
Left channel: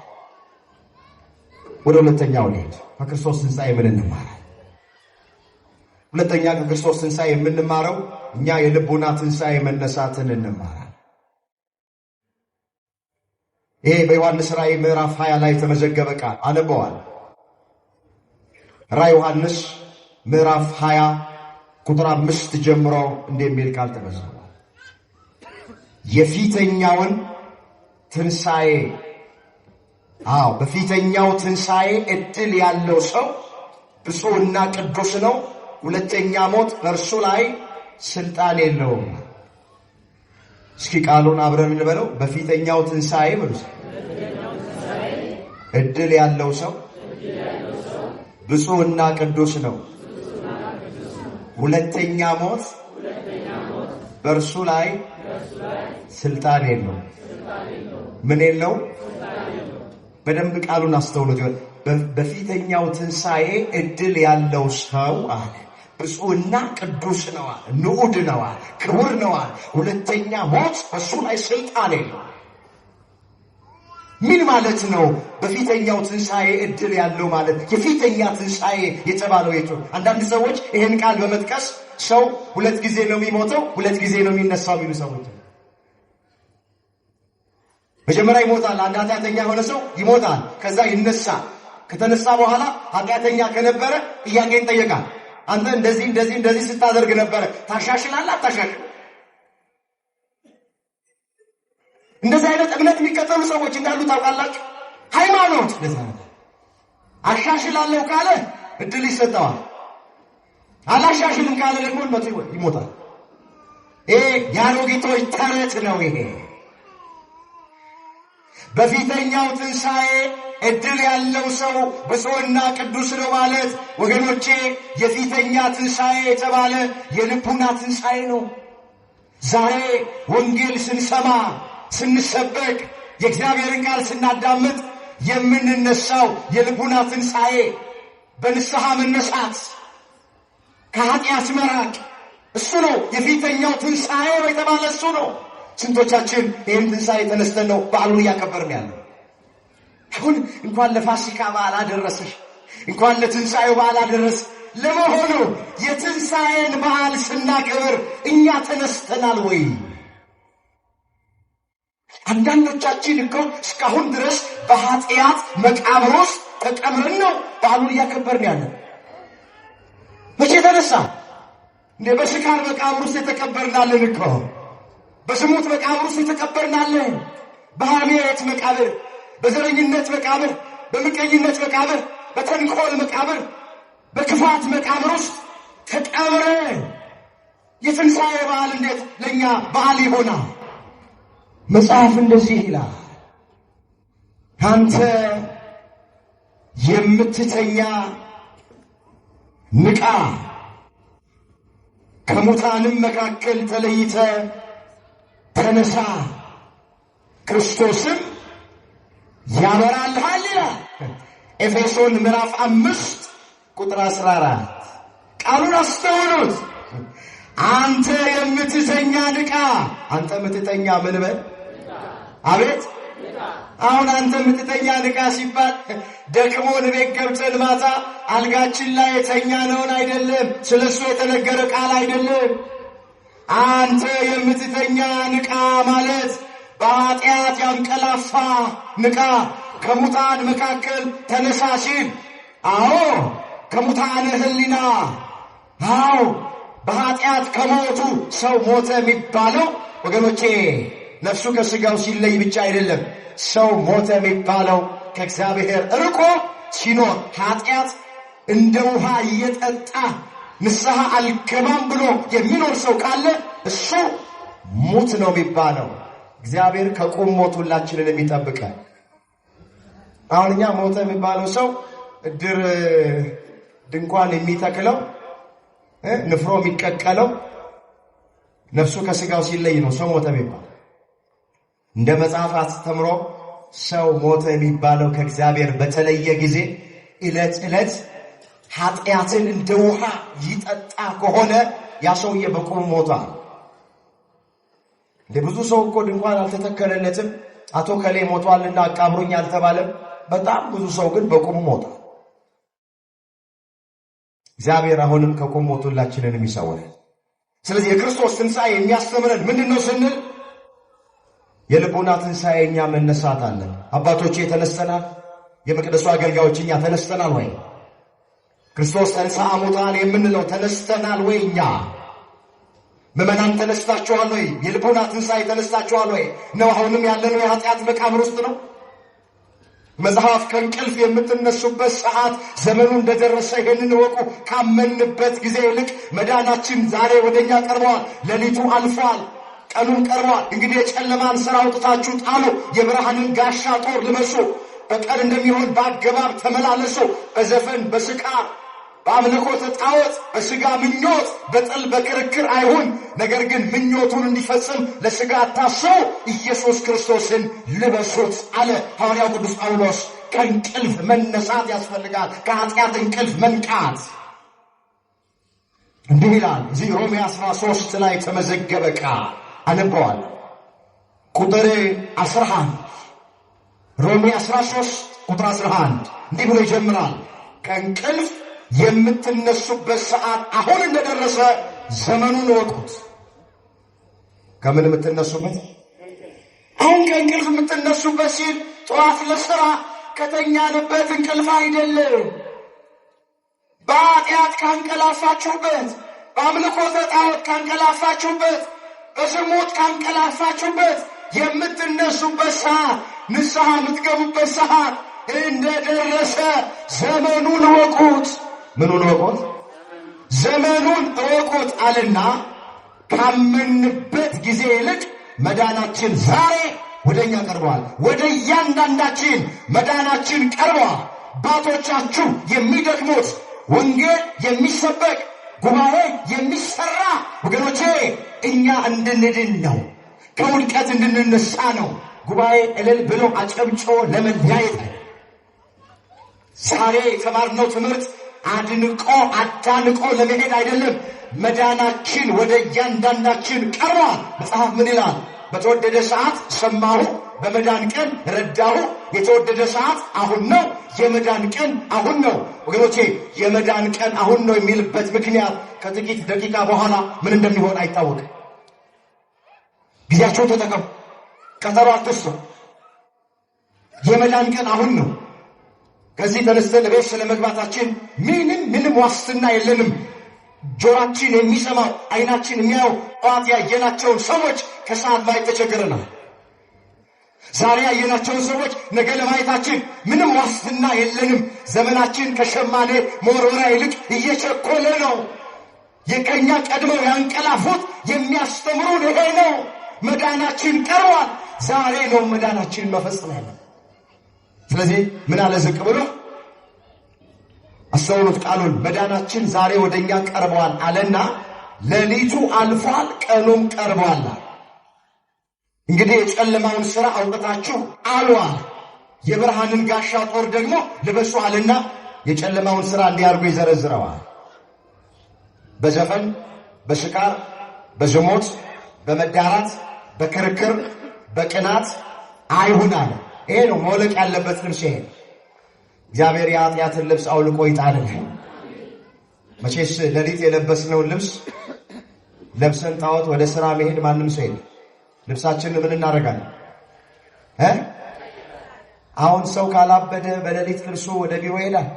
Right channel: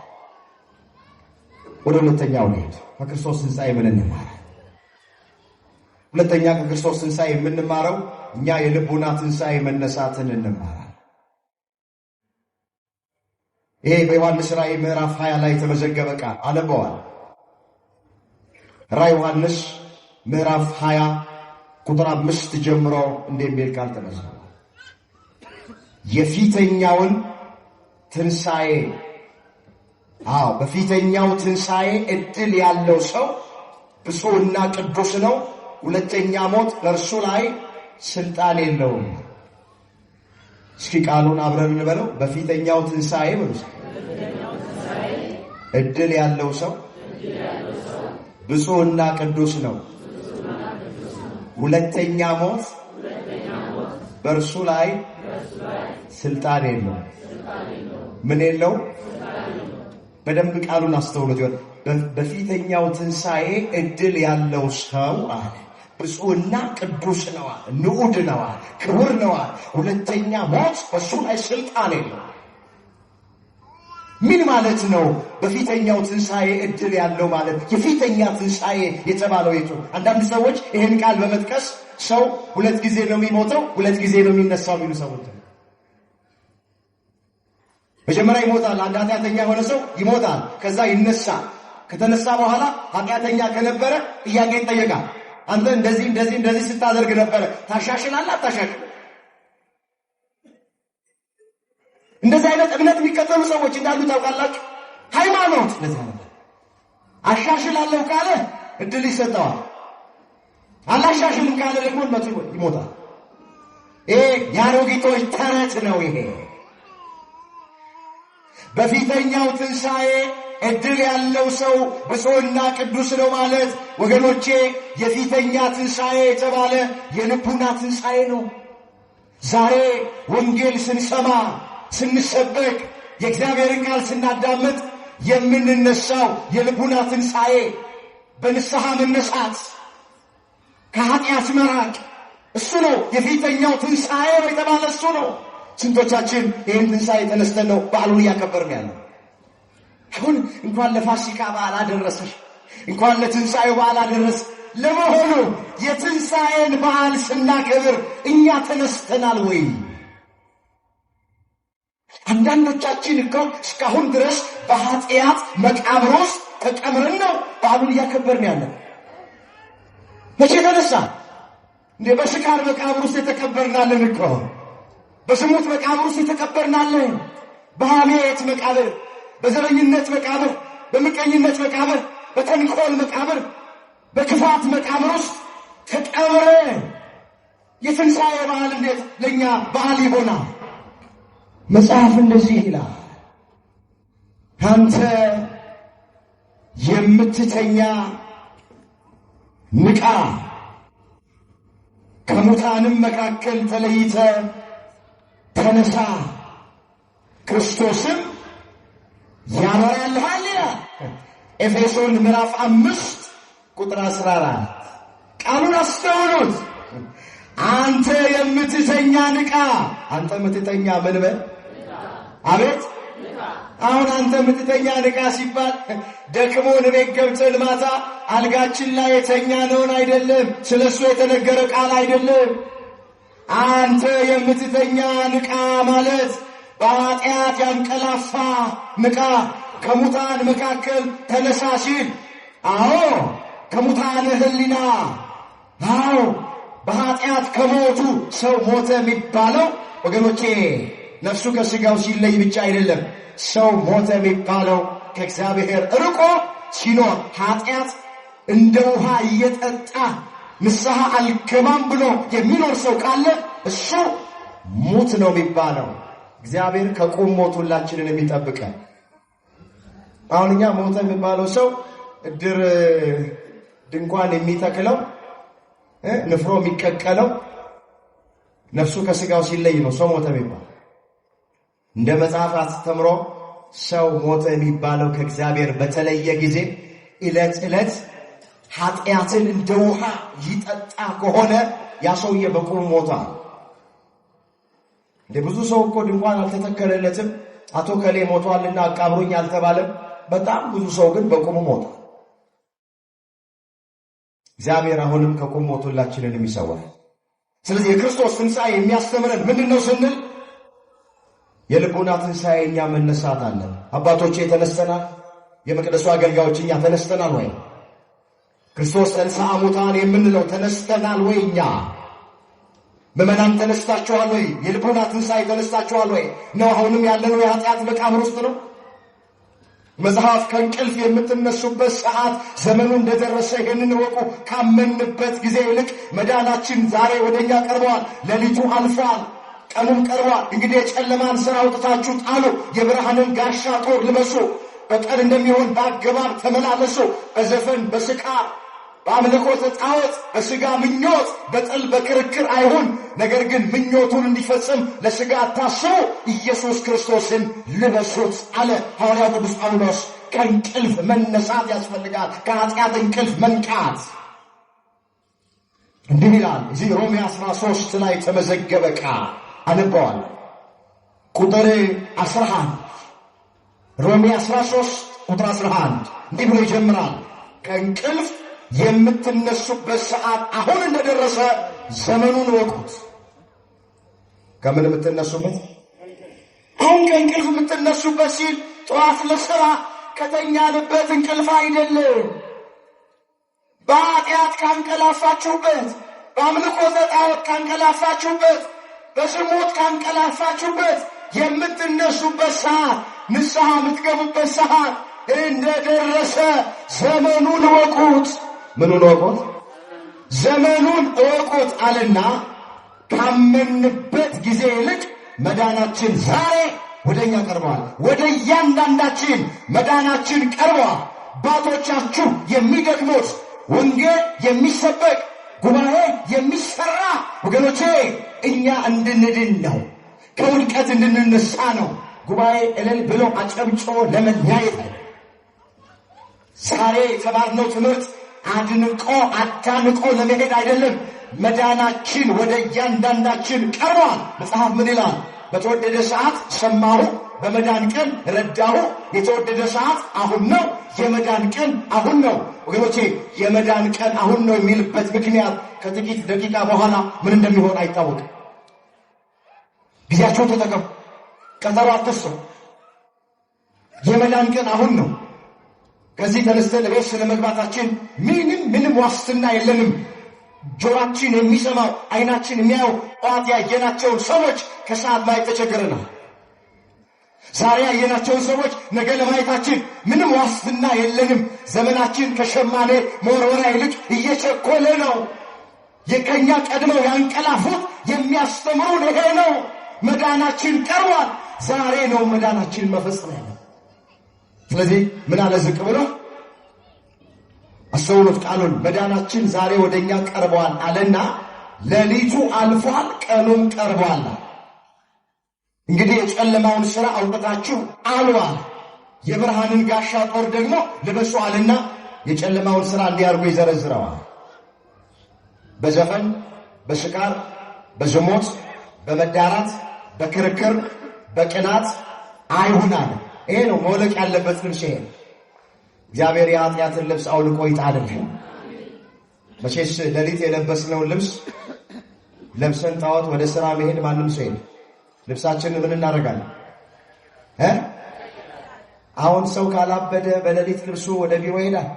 ወደ ሁለተኛው ልሄድ። ከክርስቶስ ትንሣኤ ምን እንማራለን? ሁለተኛ ከክርስቶስ ትንሣኤ የምንማረው እኛ የልቡና ትንሣኤ መነሳትን እንማራለን። ይሄ በዮሐንስ ራእይ ምዕራፍ 20 ላይ የተመዘገበ ቃል አነበዋል። ራእይ ዮሐንስ ምዕራፍ 20 ቁጥር 5 ጀምሮ እንደሚል ቃል ተመዝግቧል። የፊተኛውን ትንሣኤ በፊተኛው ትንሣኤ ዕድል ያለው ሰው ብፁዕና ቅዱስ ነው። ሁለተኛ ሞት በእርሱ ላይ ስልጣን የለውም። እስኪ ቃሉን አብረን እንበለው። በፊተኛው ትንሣኤ ብሉስ ዕድል ያለው ሰው ብፁዕና ቅዱስ ነው። ሁለተኛ ሞት በእርሱ ላይ ስልጣን የለው። ምን የለው? በደንብ ቃሉን አስተውሉት። በፊተኛው ትንሣኤ ዕድል ያለው ሰው አለ ብፁዕና ቅዱስ ነው፣ ንዑድ ነው፣ ክቡር ነው። ሁለተኛ ሞት በእሱ ላይ ስልጣን የለው። ምን ማለት ነው? በፊተኛው ትንሣኤ ዕድል ያለው ማለት የፊተኛ ትንሣኤ የተባለው የቱ? አንዳንድ ሰዎች ይህን ቃል በመጥቀስ ሰው 2 ጊዜ ነው የሚሞተው፣ 2 ጊዜ ነው የሚነሳው የሚሉ ሰዎች። መጀመሪያ ይሞታል። አንድ ኃጢአተኛ የሆነ ሰው ይሞታል፣ ከዛ ይነሳል። ከተነሳ በኋላ ኃጢአተኛ ከነበረ ጥያቄ ይጠየቃል። አንተ እንደዚህ ስታደርግ ነበረ፣ ታሻሽላለህ አታሻሽል? እንደዚህ አይነት እምነት የሚከተሉ ሰዎች እንዳሉ ታውቃላችሁ። ሃይማኖት አሻሽላለሁ ካለ እድል ይሰጠዋል። አላሻሽልም ካለ ደግሞ ይሞታል። ይሄ የአሮጊቶች ተረት ነው። ይሄ በፊተኛው ትንሣኤ ዕድል ያለው ሰው ብፁዕና ቅዱስ ነው ማለት ወገኖቼ፣ የፊተኛ ትንሣኤ የተባለ የልቡና ትንሣኤ ነው። ዛሬ ወንጌል ስንሰማ ስንሰበክ የእግዚአብሔርን ቃል ስናዳምጥ የምንነሳው የልቡና ትንሣኤ፣ በንስሐ መነሳት፣ ከኃጢአት መራቅ፣ እሱ ነው የፊተኛው ትንሣኤ የተባለ እሱ ነው። ስንቶቻችን ይህን ትንሣኤ ተነስተን ነው በዓሉን እያከበርን ያለው? አሁን እንኳን ለፋሲካ በዓል አደረስሽ፣ እንኳን ለትንሣኤው በዓል አደረስ። ለመሆኑ የትንሣኤን በዓል ስናከብር እኛ ተነስተናል ወይ? አንዳንዶቻችን እኮ እስካሁን ድረስ በኃጢአት መቃብር ውስጥ ተቀምረን ነው በዓሉን እያከበርን ያለን። መቼ ተነሳ እንዴ? በስካር መቃብር ውስጥ የተቀበርናለን እኮ፣ በስሙት መቃብር ውስጥ የተቀበርናለን። በሐሜት መቃብር፣ በዘረኝነት መቃብር፣ በምቀኝነት መቃብር፣ በተንኮል መቃብር፣ በክፋት መቃብር ውስጥ ተቀብረን የትንሣኤ በዓል እንዴት ለእኛ በዓል ይሆናል? መጽሐፍ እንደዚህ ይላል፣ አንተ የምትተኛ ንቃ፣ ከሙታንም መካከል ተለይተ ተነሳ፣ ክርስቶስም ያበራልሃል ይላል። ኤፌሶን ምዕራፍ 5 ቁጥር 14። ቃሉን አስተውሉት። አንተ የምትተኛ ንቃ። አንተ የምትተኛ ምን በል? አቤት! አሁን አንተ የምትተኛ ንቃ ሲባል ደክሞን ቤት ገብተን ማታ አልጋችን ላይ የተኛነውን አይደለም፣ ስለሱ የተነገረ ቃል አይደለም። አንተ የምትተኛ ንቃ ማለት በኃጢአት ያንቀላፋ ንቃ፣ ከሙታን መካከል ተነሳ ሲል፣ አዎ ከሙታን ሕሊና፣ አዎ በኃጢአት ከሞቱ ሰው ሞተ የሚባለው ወገኖቼ ነፍሱ ከሥጋው ሲለይ ብቻ አይደለም። ሰው ሞተ የሚባለው ከእግዚአብሔር ርቆ ሲኖር፣ ኃጢአት እንደ ውሃ እየጠጣ ንስሐ አልገባም ብሎ የሚኖር ሰው ካለ እሱ ሙት ነው የሚባለው። እግዚአብሔር ከቁም ሞት ሁላችንን የሚጠብቀን። አሁን እኛ ሞተ የሚባለው ሰው እድር ድንኳን የሚተክለው ንፍሮ የሚቀቀለው ነፍሱ ከሥጋው ሲለይ ነው ሰው ሞተ የሚባለው። እንደ መጽሐፍ አስተምሮ ሰው ሞተ የሚባለው ከእግዚአብሔር በተለየ ጊዜ ዕለት ዕለት ኃጢአትን እንደ ውሃ ይጠጣ ከሆነ ያ ሰውዬ በቁም ሞቷል። ብዙ ሰው እኮ ድንኳን አልተተከለለትም፣ አቶ ከሌ ሞቷልና አቃብሩኝ አልተባለም። በጣም ብዙ ሰው ግን በቁም ሞቷል። እግዚአብሔር አሁንም ከቁም ሞት ሁላችንን የሚሰውረን። ስለዚህ የክርስቶስ ትንሣኤ የሚያስተምረን ምንድን ነው ስንል የልቡና ትንሣኤ እኛ መነሳት አለን። አባቶቼ ተነስተናል። የመቅደሱ አገልጋዮች እኛ ተነስተናል ወይ? ክርስቶስ ተንሥአ እሙታን የምንለው ተነስተናል ወይ? እኛ ምዕመናን ተነስታችኋል ወይ? የልቡና ትንሣኤ ተነስታችኋል ወይ? ነው አሁንም ያለነው የኃጢአት መቃብር ውስጥ ነው? መጽሐፍ ከእንቅልፍ የምትነሱበት ሰዓት ዘመኑ እንደደረሰ ይህንን ወቁ። ካመንበት ጊዜ ይልቅ መዳናችን ዛሬ ወደኛ ቀርቧል። ሌሊቱ አልፏል፣ ቀኑም ቀርቧል። እንግዲህ የጨለማን ሥራ አውጥታችሁ ጣሉ፣ የብርሃንን ጋሻ ጦር ልበሱ። በቀን እንደሚሆን በአገባብ ተመላለሱ። በዘፈን በስካር በአምልኮተ ጣዖት በሥጋ ምኞት በጥል በክርክር አይሁን። ነገር ግን ምኞቱን እንዲፈጽም ለሥጋ አታስቡ፣ ኢየሱስ ክርስቶስን ልበሱት አለ ሐዋርያው ቅዱስ ጳውሎስ። ከእንቅልፍ መነሳት ያስፈልጋል። ከኃጢአት እንቅልፍ መንቃት። እንዲህ ይላል እዚህ ሮሜ 13 ላይ ተመዘገበ ቃል አነበዋል። ቁጥር 11 ሮሜ 13 ቁጥር 11 እንዲህ ብሎ ይጀምራል። ከእንቅልፍ የምትነሱበት ሰዓት አሁን እንደደረሰ ዘመኑን ወቁት። ከምን የምትነሱበት? አሁን ከእንቅልፍ የምትነሱበት ሲል ጠዋት ለሥራ ከተኛንበት እንቅልፍ አይደለም። በኃጢአት ካንቀላፋችሁበት፣ በአምልኮተ ጣዖት ካንቀላፋችሁበት፣ በዝሙት ካንቀላፋችሁበት የምትነሱበት ሰዓት፣ ንስሐ የምትገቡበት ሰዓት እንደደረሰ ዘመኑን ወቁት። ምኑን ወቁት? ዘመኑን እወቁት አለና ካመንበት ጊዜ ይልቅ መዳናችን ዛሬ ወደኛ ቀርቧል። ወደ እያንዳንዳችን መዳናችን ቀርቧል። አባቶቻችሁ የሚደግሙት ወንጌል የሚሰበክ ጉባኤ የሚሰራ ወገኖቼ እኛ እንድንድን ነው። ከውድቀት እንድንነሳ ነው። ጉባኤ እልል ብሎ አጨብጭቦ ለመለያየት ነው። ዛሬ የተማርነው ትምህርት አድንቆ አታንቆ ለመሄድ አይደለም። መዳናችን ወደ እያንዳንዳችን ቀርቧል። መጽሐፍ ምን ይላል? በተወደደ ሰዓት ሰማሁ፣ በመዳን ቀን ረዳሁ። የተወደደ ሰዓት አሁን ነው። የመዳን ቀን አሁን ነው። ወገኖቼ የመዳን ቀን አሁን ነው የሚልበት ምክንያት ከጥቂት ደቂቃ በኋላ ምን እንደሚሆን አይታወቅም። ጊዜያቸው ተጠቀሙ። ቀጠሮ አትስጡ። የመዳን ቀን አሁን ነው። ከዚህ ተነስተን ለቤት ስለመግባታችን ምንም ዋስትና የለንም። ጆሮአችን የሚሰማው ዓይናችን የሚያየው ጠዋት ያየናቸውን ሰዎች ከሰዓት ማየት ተቸግረናል። ዛሬ ያየናቸውን ሰዎች ነገ ለማየታችን ምንም ዋስትና የለንም። ዘመናችን ከሸማኔ መወርወሪያ ይልቅ እየቸኮለ ነው። የከኛ ቀድመው ያንቀላፉት የሚያስተምሩን ይሄ ነው። መዳናችን ቀርቧል። ዛሬ ነው መዳናችን መፈጸም ያለ። ስለዚህ ምን አለ ዝቅ ብሎ አስተውሉት ቃሉን። መዳናችን ዛሬ ወደኛ ቀርቧል አለና ሌሊቱ አልፏል፣ ቀኑም ቀርቧል። እንግዲህ የጨለማውን ሥራ አውጥታችሁ አሏል፣ የብርሃንን ጋሻ ጦር ደግሞ ልበሱ አለና የጨለማውን ሥራ እንዲያርጉ ይዘረዝረዋል። በዘፈን በስካር በዝሙት በመዳራት በክርክር በቅናት አይሁን አለ። ይሄ ነው መውለቅ ያለበት ልብስ። ይሄ እግዚአብሔር የኃጢአትን ልብስ አውልቆ ይጣልልን። መቼስ ሌሊት የለበስነውን ልብስ ለብሰን ጣዖት ወደ ሥራ መሄድ ማንም ሰው የለም። ልብሳችንን ምን እናደርጋለን? አሁን ሰው ካላበደ በሌሊት ልብሱ ወደ ቢሮ ይሄዳል።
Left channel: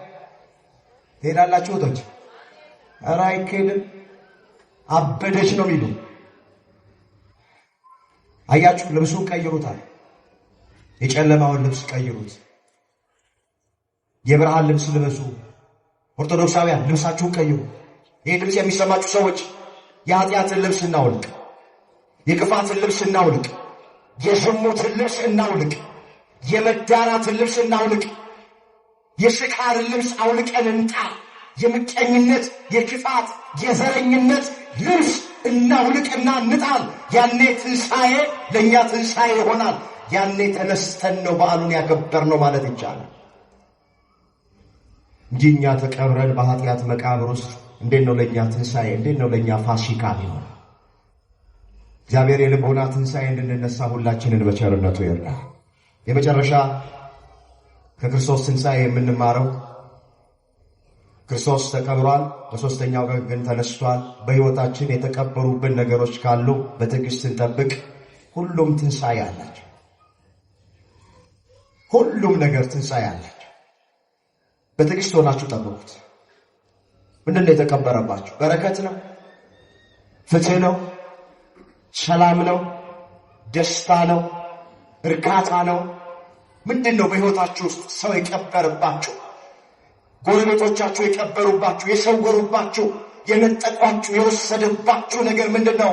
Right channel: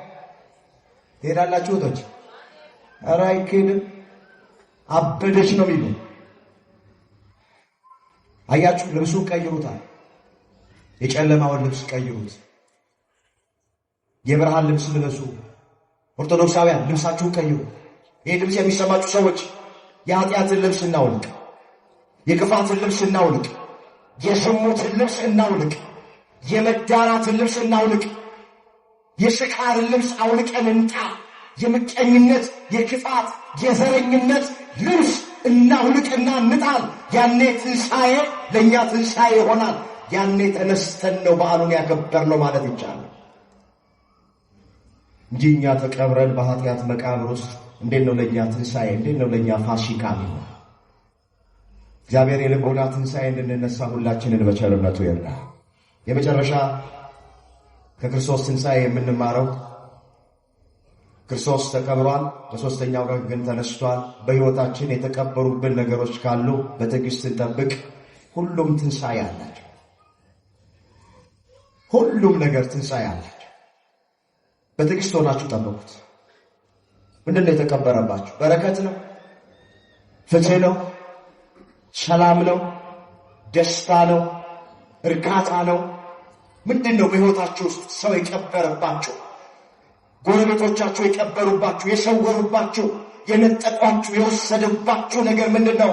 ትሄዳላችሁ ወቶች? ኧረ አይኬድም። አበደች ነው የሚሉ አያችሁ። ልብሱን ቀይሩታል። የጨለማውን ልብስ ቀይሩት። የብርሃን ልብስ ልበሱ። ኦርቶዶክሳውያን ልብሳችሁን ቀይሩ። ይህ ልብስ የሚሰማችሁ ሰዎች የኃጢአትን ልብስ እናውልቅ፣ የክፋትን ልብስ እናውልቅ፣ የዝሙትን ልብስ እናውልቅ፣ የመዳራትን ልብስ እናውልቅ፣ የስካርን ልብስ አውልቀን እንጣ። የምቀኝነት፣ የክፋት፣ የዘረኝነት ልብስ እናውልቅና እንጣል። ያኔ ትንሣኤ ለእኛ ትንሣኤ ይሆናል። ያኔ ተነስተን ነው በዓሉን ያከበርነው ማለት ይቻላል እንጂ እኛ ተቀብረን በኃጢአት መቃብር ውስጥ እንዴት ነው ለእኛ ትንሣኤ? እንዴት ነው ለእኛ ፋሲካ ነው? እግዚአብሔር የልቦና ትንሣኤ እንድንነሳ ሁላችንን በቸርነቱ ይርዳል። የመጨረሻ ከክርስቶስ ትንሣኤ የምንማረው ክርስቶስ ተቀብሯል፣ በሦስተኛው ቀን ግን ተነስቷል። በሕይወታችን የተቀበሩብን ነገሮች ካሉ በትዕግሥት እንጠብቅ። ሁሉም ትንሣኤ አላቸው። ሁሉም ነገር ትንሣኤ አላቸው። በትዕግሥት ሆናችሁ ጠብቁት። ምንድን ነው የተቀበረባችሁ? በረከት ነው? ፍትሕ ነው? ሰላም ነው? ደስታ ነው? እርካታ ነው? ምንድን ነው በሕይወታችሁ ውስጥ ሰው የቀበረባችሁ? ጎረቤቶቻችሁ የቀበሩባችሁ፣ የሰወሩባችሁ፣ የነጠቋችሁ፣ የወሰደባችሁ ነገር ምንድን ነው?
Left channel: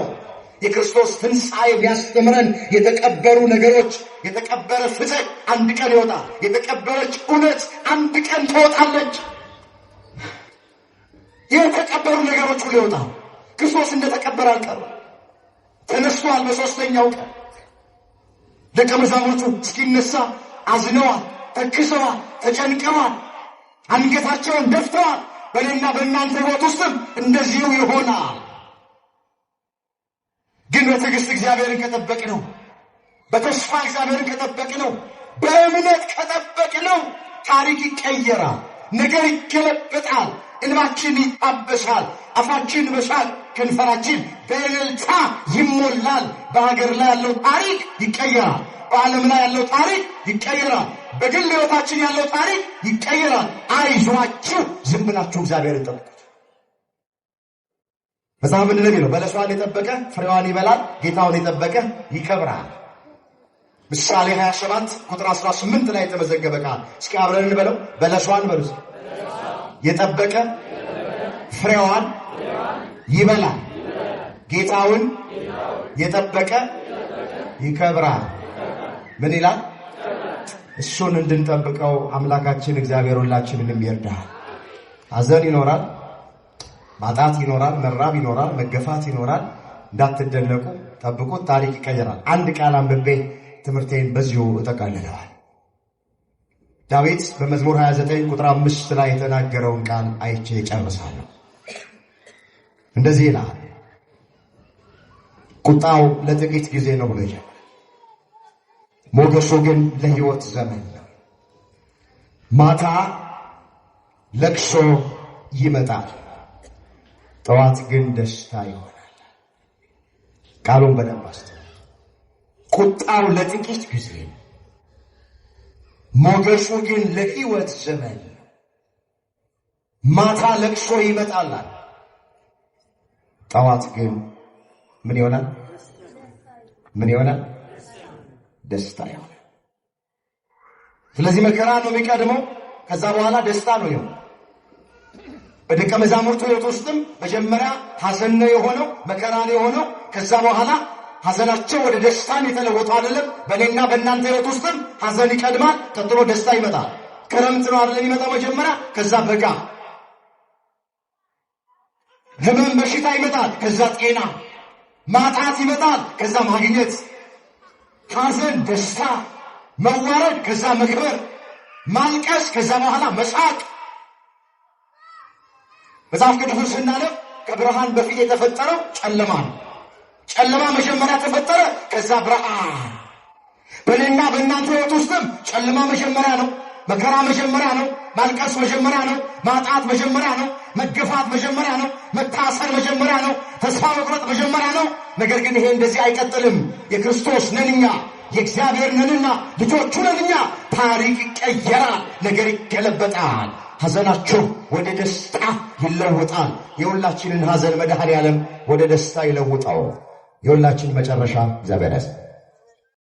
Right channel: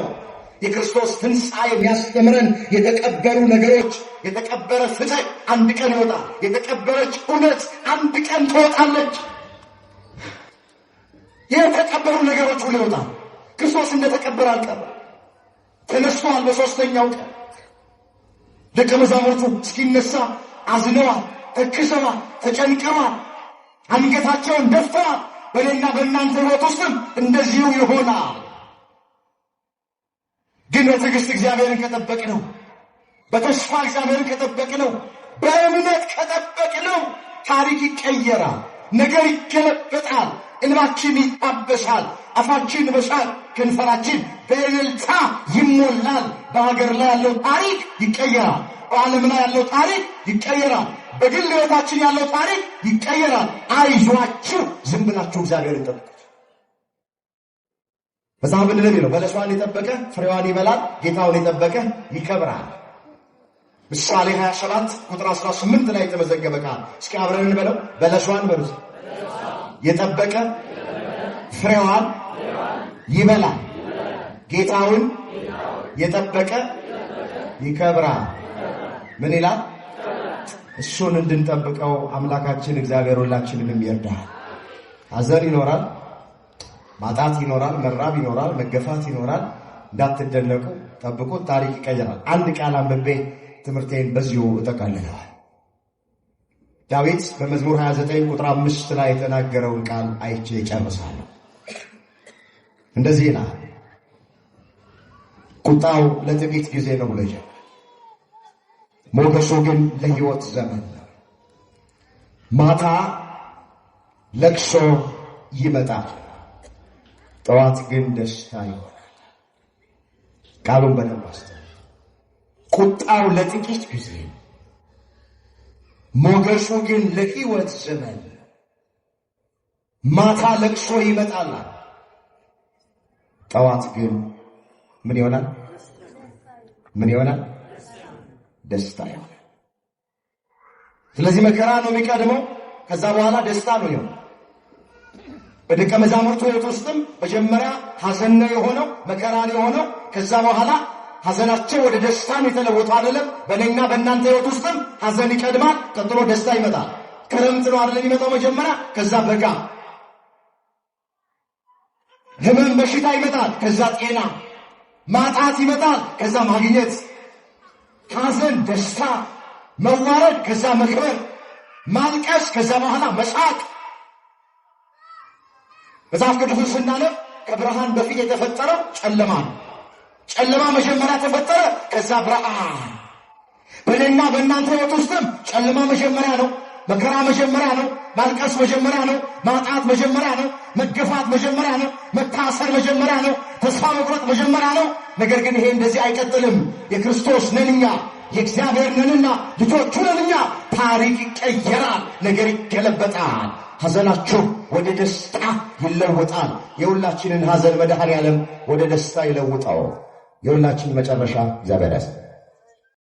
የክርስቶስ ትንሣኤ የሚያስተምረን የተቀበሩ ነገሮች፣ የተቀበረ ፍትህ አንድ ቀን ይወጣል። የተቀበረች እውነት አንድ ቀን ትወጣለች። የተቀበሩ ነገሮች ሁሉ ይወጣል። ክርስቶስ እንደተቀበረ አልቀረም፣ ተነስቷል። በሦስተኛው ቀን ደቀ መዛሙርቱ እስኪነሳ አዝነዋል፣ ተክዘዋል፣ ተጨንቀዋል፣ አንገታቸውን ደፍተዋል። በእኔና በእናንተ ሕይወት ውስጥም እንደዚሁ ይሆናል። ግን በትዕግሥት እግዚአብሔርን ከጠበቅነው፣ በተስፋ እግዚአብሔርን ከጠበቅነው፣ በእምነት ከጠበቅነው ታሪክ ይቀየራል፣ ነገር ይገለበጣል፣ እንባችን ይታበሳል፣ አፋችን በሳቅ ከንፈራችን በእልልታ ይሞላል። በሀገር ላይ ያለው ታሪክ ይቀየራል። በዓለም ላይ ያለው ታሪክ ይቀየራል። በግል ሕይወታችን ያለው ታሪክ ይቀየራል። አይዟችሁ፣ ዝም ብላችሁ እግዚአብሔርን ጠብቁት። መጽሐፍ ምንድን ነው የሚለው? በለሷን የጠበቀ ፍሬዋን ይበላል፣ ጌታውን የጠበቀ ይከብራል። ምሳሌ 27 ቁጥር 18 ላይ የተመዘገበ ቃል። እስኪ አብረን እንበለው። በለሷን በሉ የጠበቀ ፍሬዋን ይበላል፣ ጌታውን የጠበቀ ይከብራል። ምን ይላል? እሱን እንድንጠብቀው አምላካችን እግዚአብሔር ሁላችንንም ይርዳል። ሐዘን ይኖራል፣ ማጣት ይኖራል፣ መራብ ይኖራል፣ መገፋት ይኖራል። እንዳትደነቁ፣ ጠብቁት፣ ታሪክ ይቀየራል። አንድ ቃል አንብቤ ትምህርቴን በዚሁ እጠቃልለዋል። ዳዊት በመዝሙር 29 ቁጥር 5 ላይ የተናገረውን ቃል አይቼ እጨርሳለሁ። እንደዚህ ይላል፣ ቁጣው ለጥቂት ጊዜ ነው ብሎ ይጀምራል፣ ሞገሱ ግን ለሕይወት ዘመን ነው። ማታ ለቅሶ ይመጣል፣ ጠዋት ግን ደስታ ይሆናል። ቃሉን በደንብ አስተውሉ። ቁጣው ለጥቂት ጊዜ፣ ሞገሱ ግን ለሕይወት ዘመን። ማታ ለቅሶ ይመጣል፣ ጠዋት ግን ምን ይሆናል? ምን ይሆናል? ደስታ ይሆናል። ስለዚህ መከራ ነው የሚቀድመው፣ ከዛ በኋላ ደስታ ነው የሆነው። በደቀ መዛሙርቱ ሕይወት ውስጥም መጀመሪያ ሐዘን ነው የሆነው፣ መከራ ነው የሆነው። ከዛ በኋላ ሐዘናቸው ወደ ደስታን የተለወጡ አይደለም። በእኔና በእናንተ ሕይወት ውስጥም ሐዘን ይቀድማል፣ ቀጥሎ ደስታ ይመጣል። ክረምት ነው አይደለም የሚመጣው መጀመሪያ፣ ከዛ በጋ፣ ህመም በሽታ ይመጣል፣ ከዛ ጤና፣ ማጣት ይመጣል፣ ከዛ ማግኘት፣ ሐዘን ደስታ፣ መዋረድ ከዛ መክበር፣ ማልቀስ ከዛ በኋላ መሳቅ። መጽሐፍ ቅዱስን ስናነብ ከብርሃን በፊት የተፈጠረው ጨለማ ነው። ጨለማ መጀመሪያ ተፈጠረ፣ ከዛ ብርሃን። በእኔና በእናንተ ሕይወት ውስጥም ጨለማ መጀመሪያ ነው፣ መከራ መጀመሪያ ነው፣ ማልቀስ መጀመሪያ ነው፣ ማጣት መጀመሪያ ነው፣ መገፋት መጀመሪያ ነው፣ መታሰር መጀመሪያ ነው፣ ተስፋ መቁረጥ መጀመሪያ ነው። ነገር ግን ይሄ እንደዚህ አይቀጥልም። የክርስቶስ ነንኛ፣ የእግዚአብሔር ነንና ልጆቹ ነንኛ። ታሪክ ይቀየራል፣ ነገር ይገለበጣል። ሐዘናችሁ ወደ ደስታ ይለውጣል። የሁላችንን ሐዘን መድኃኔዓለም ወደ ደስታ ይለውጣው። የሁላችን መጨረሻ እግዚአብሔር ያስ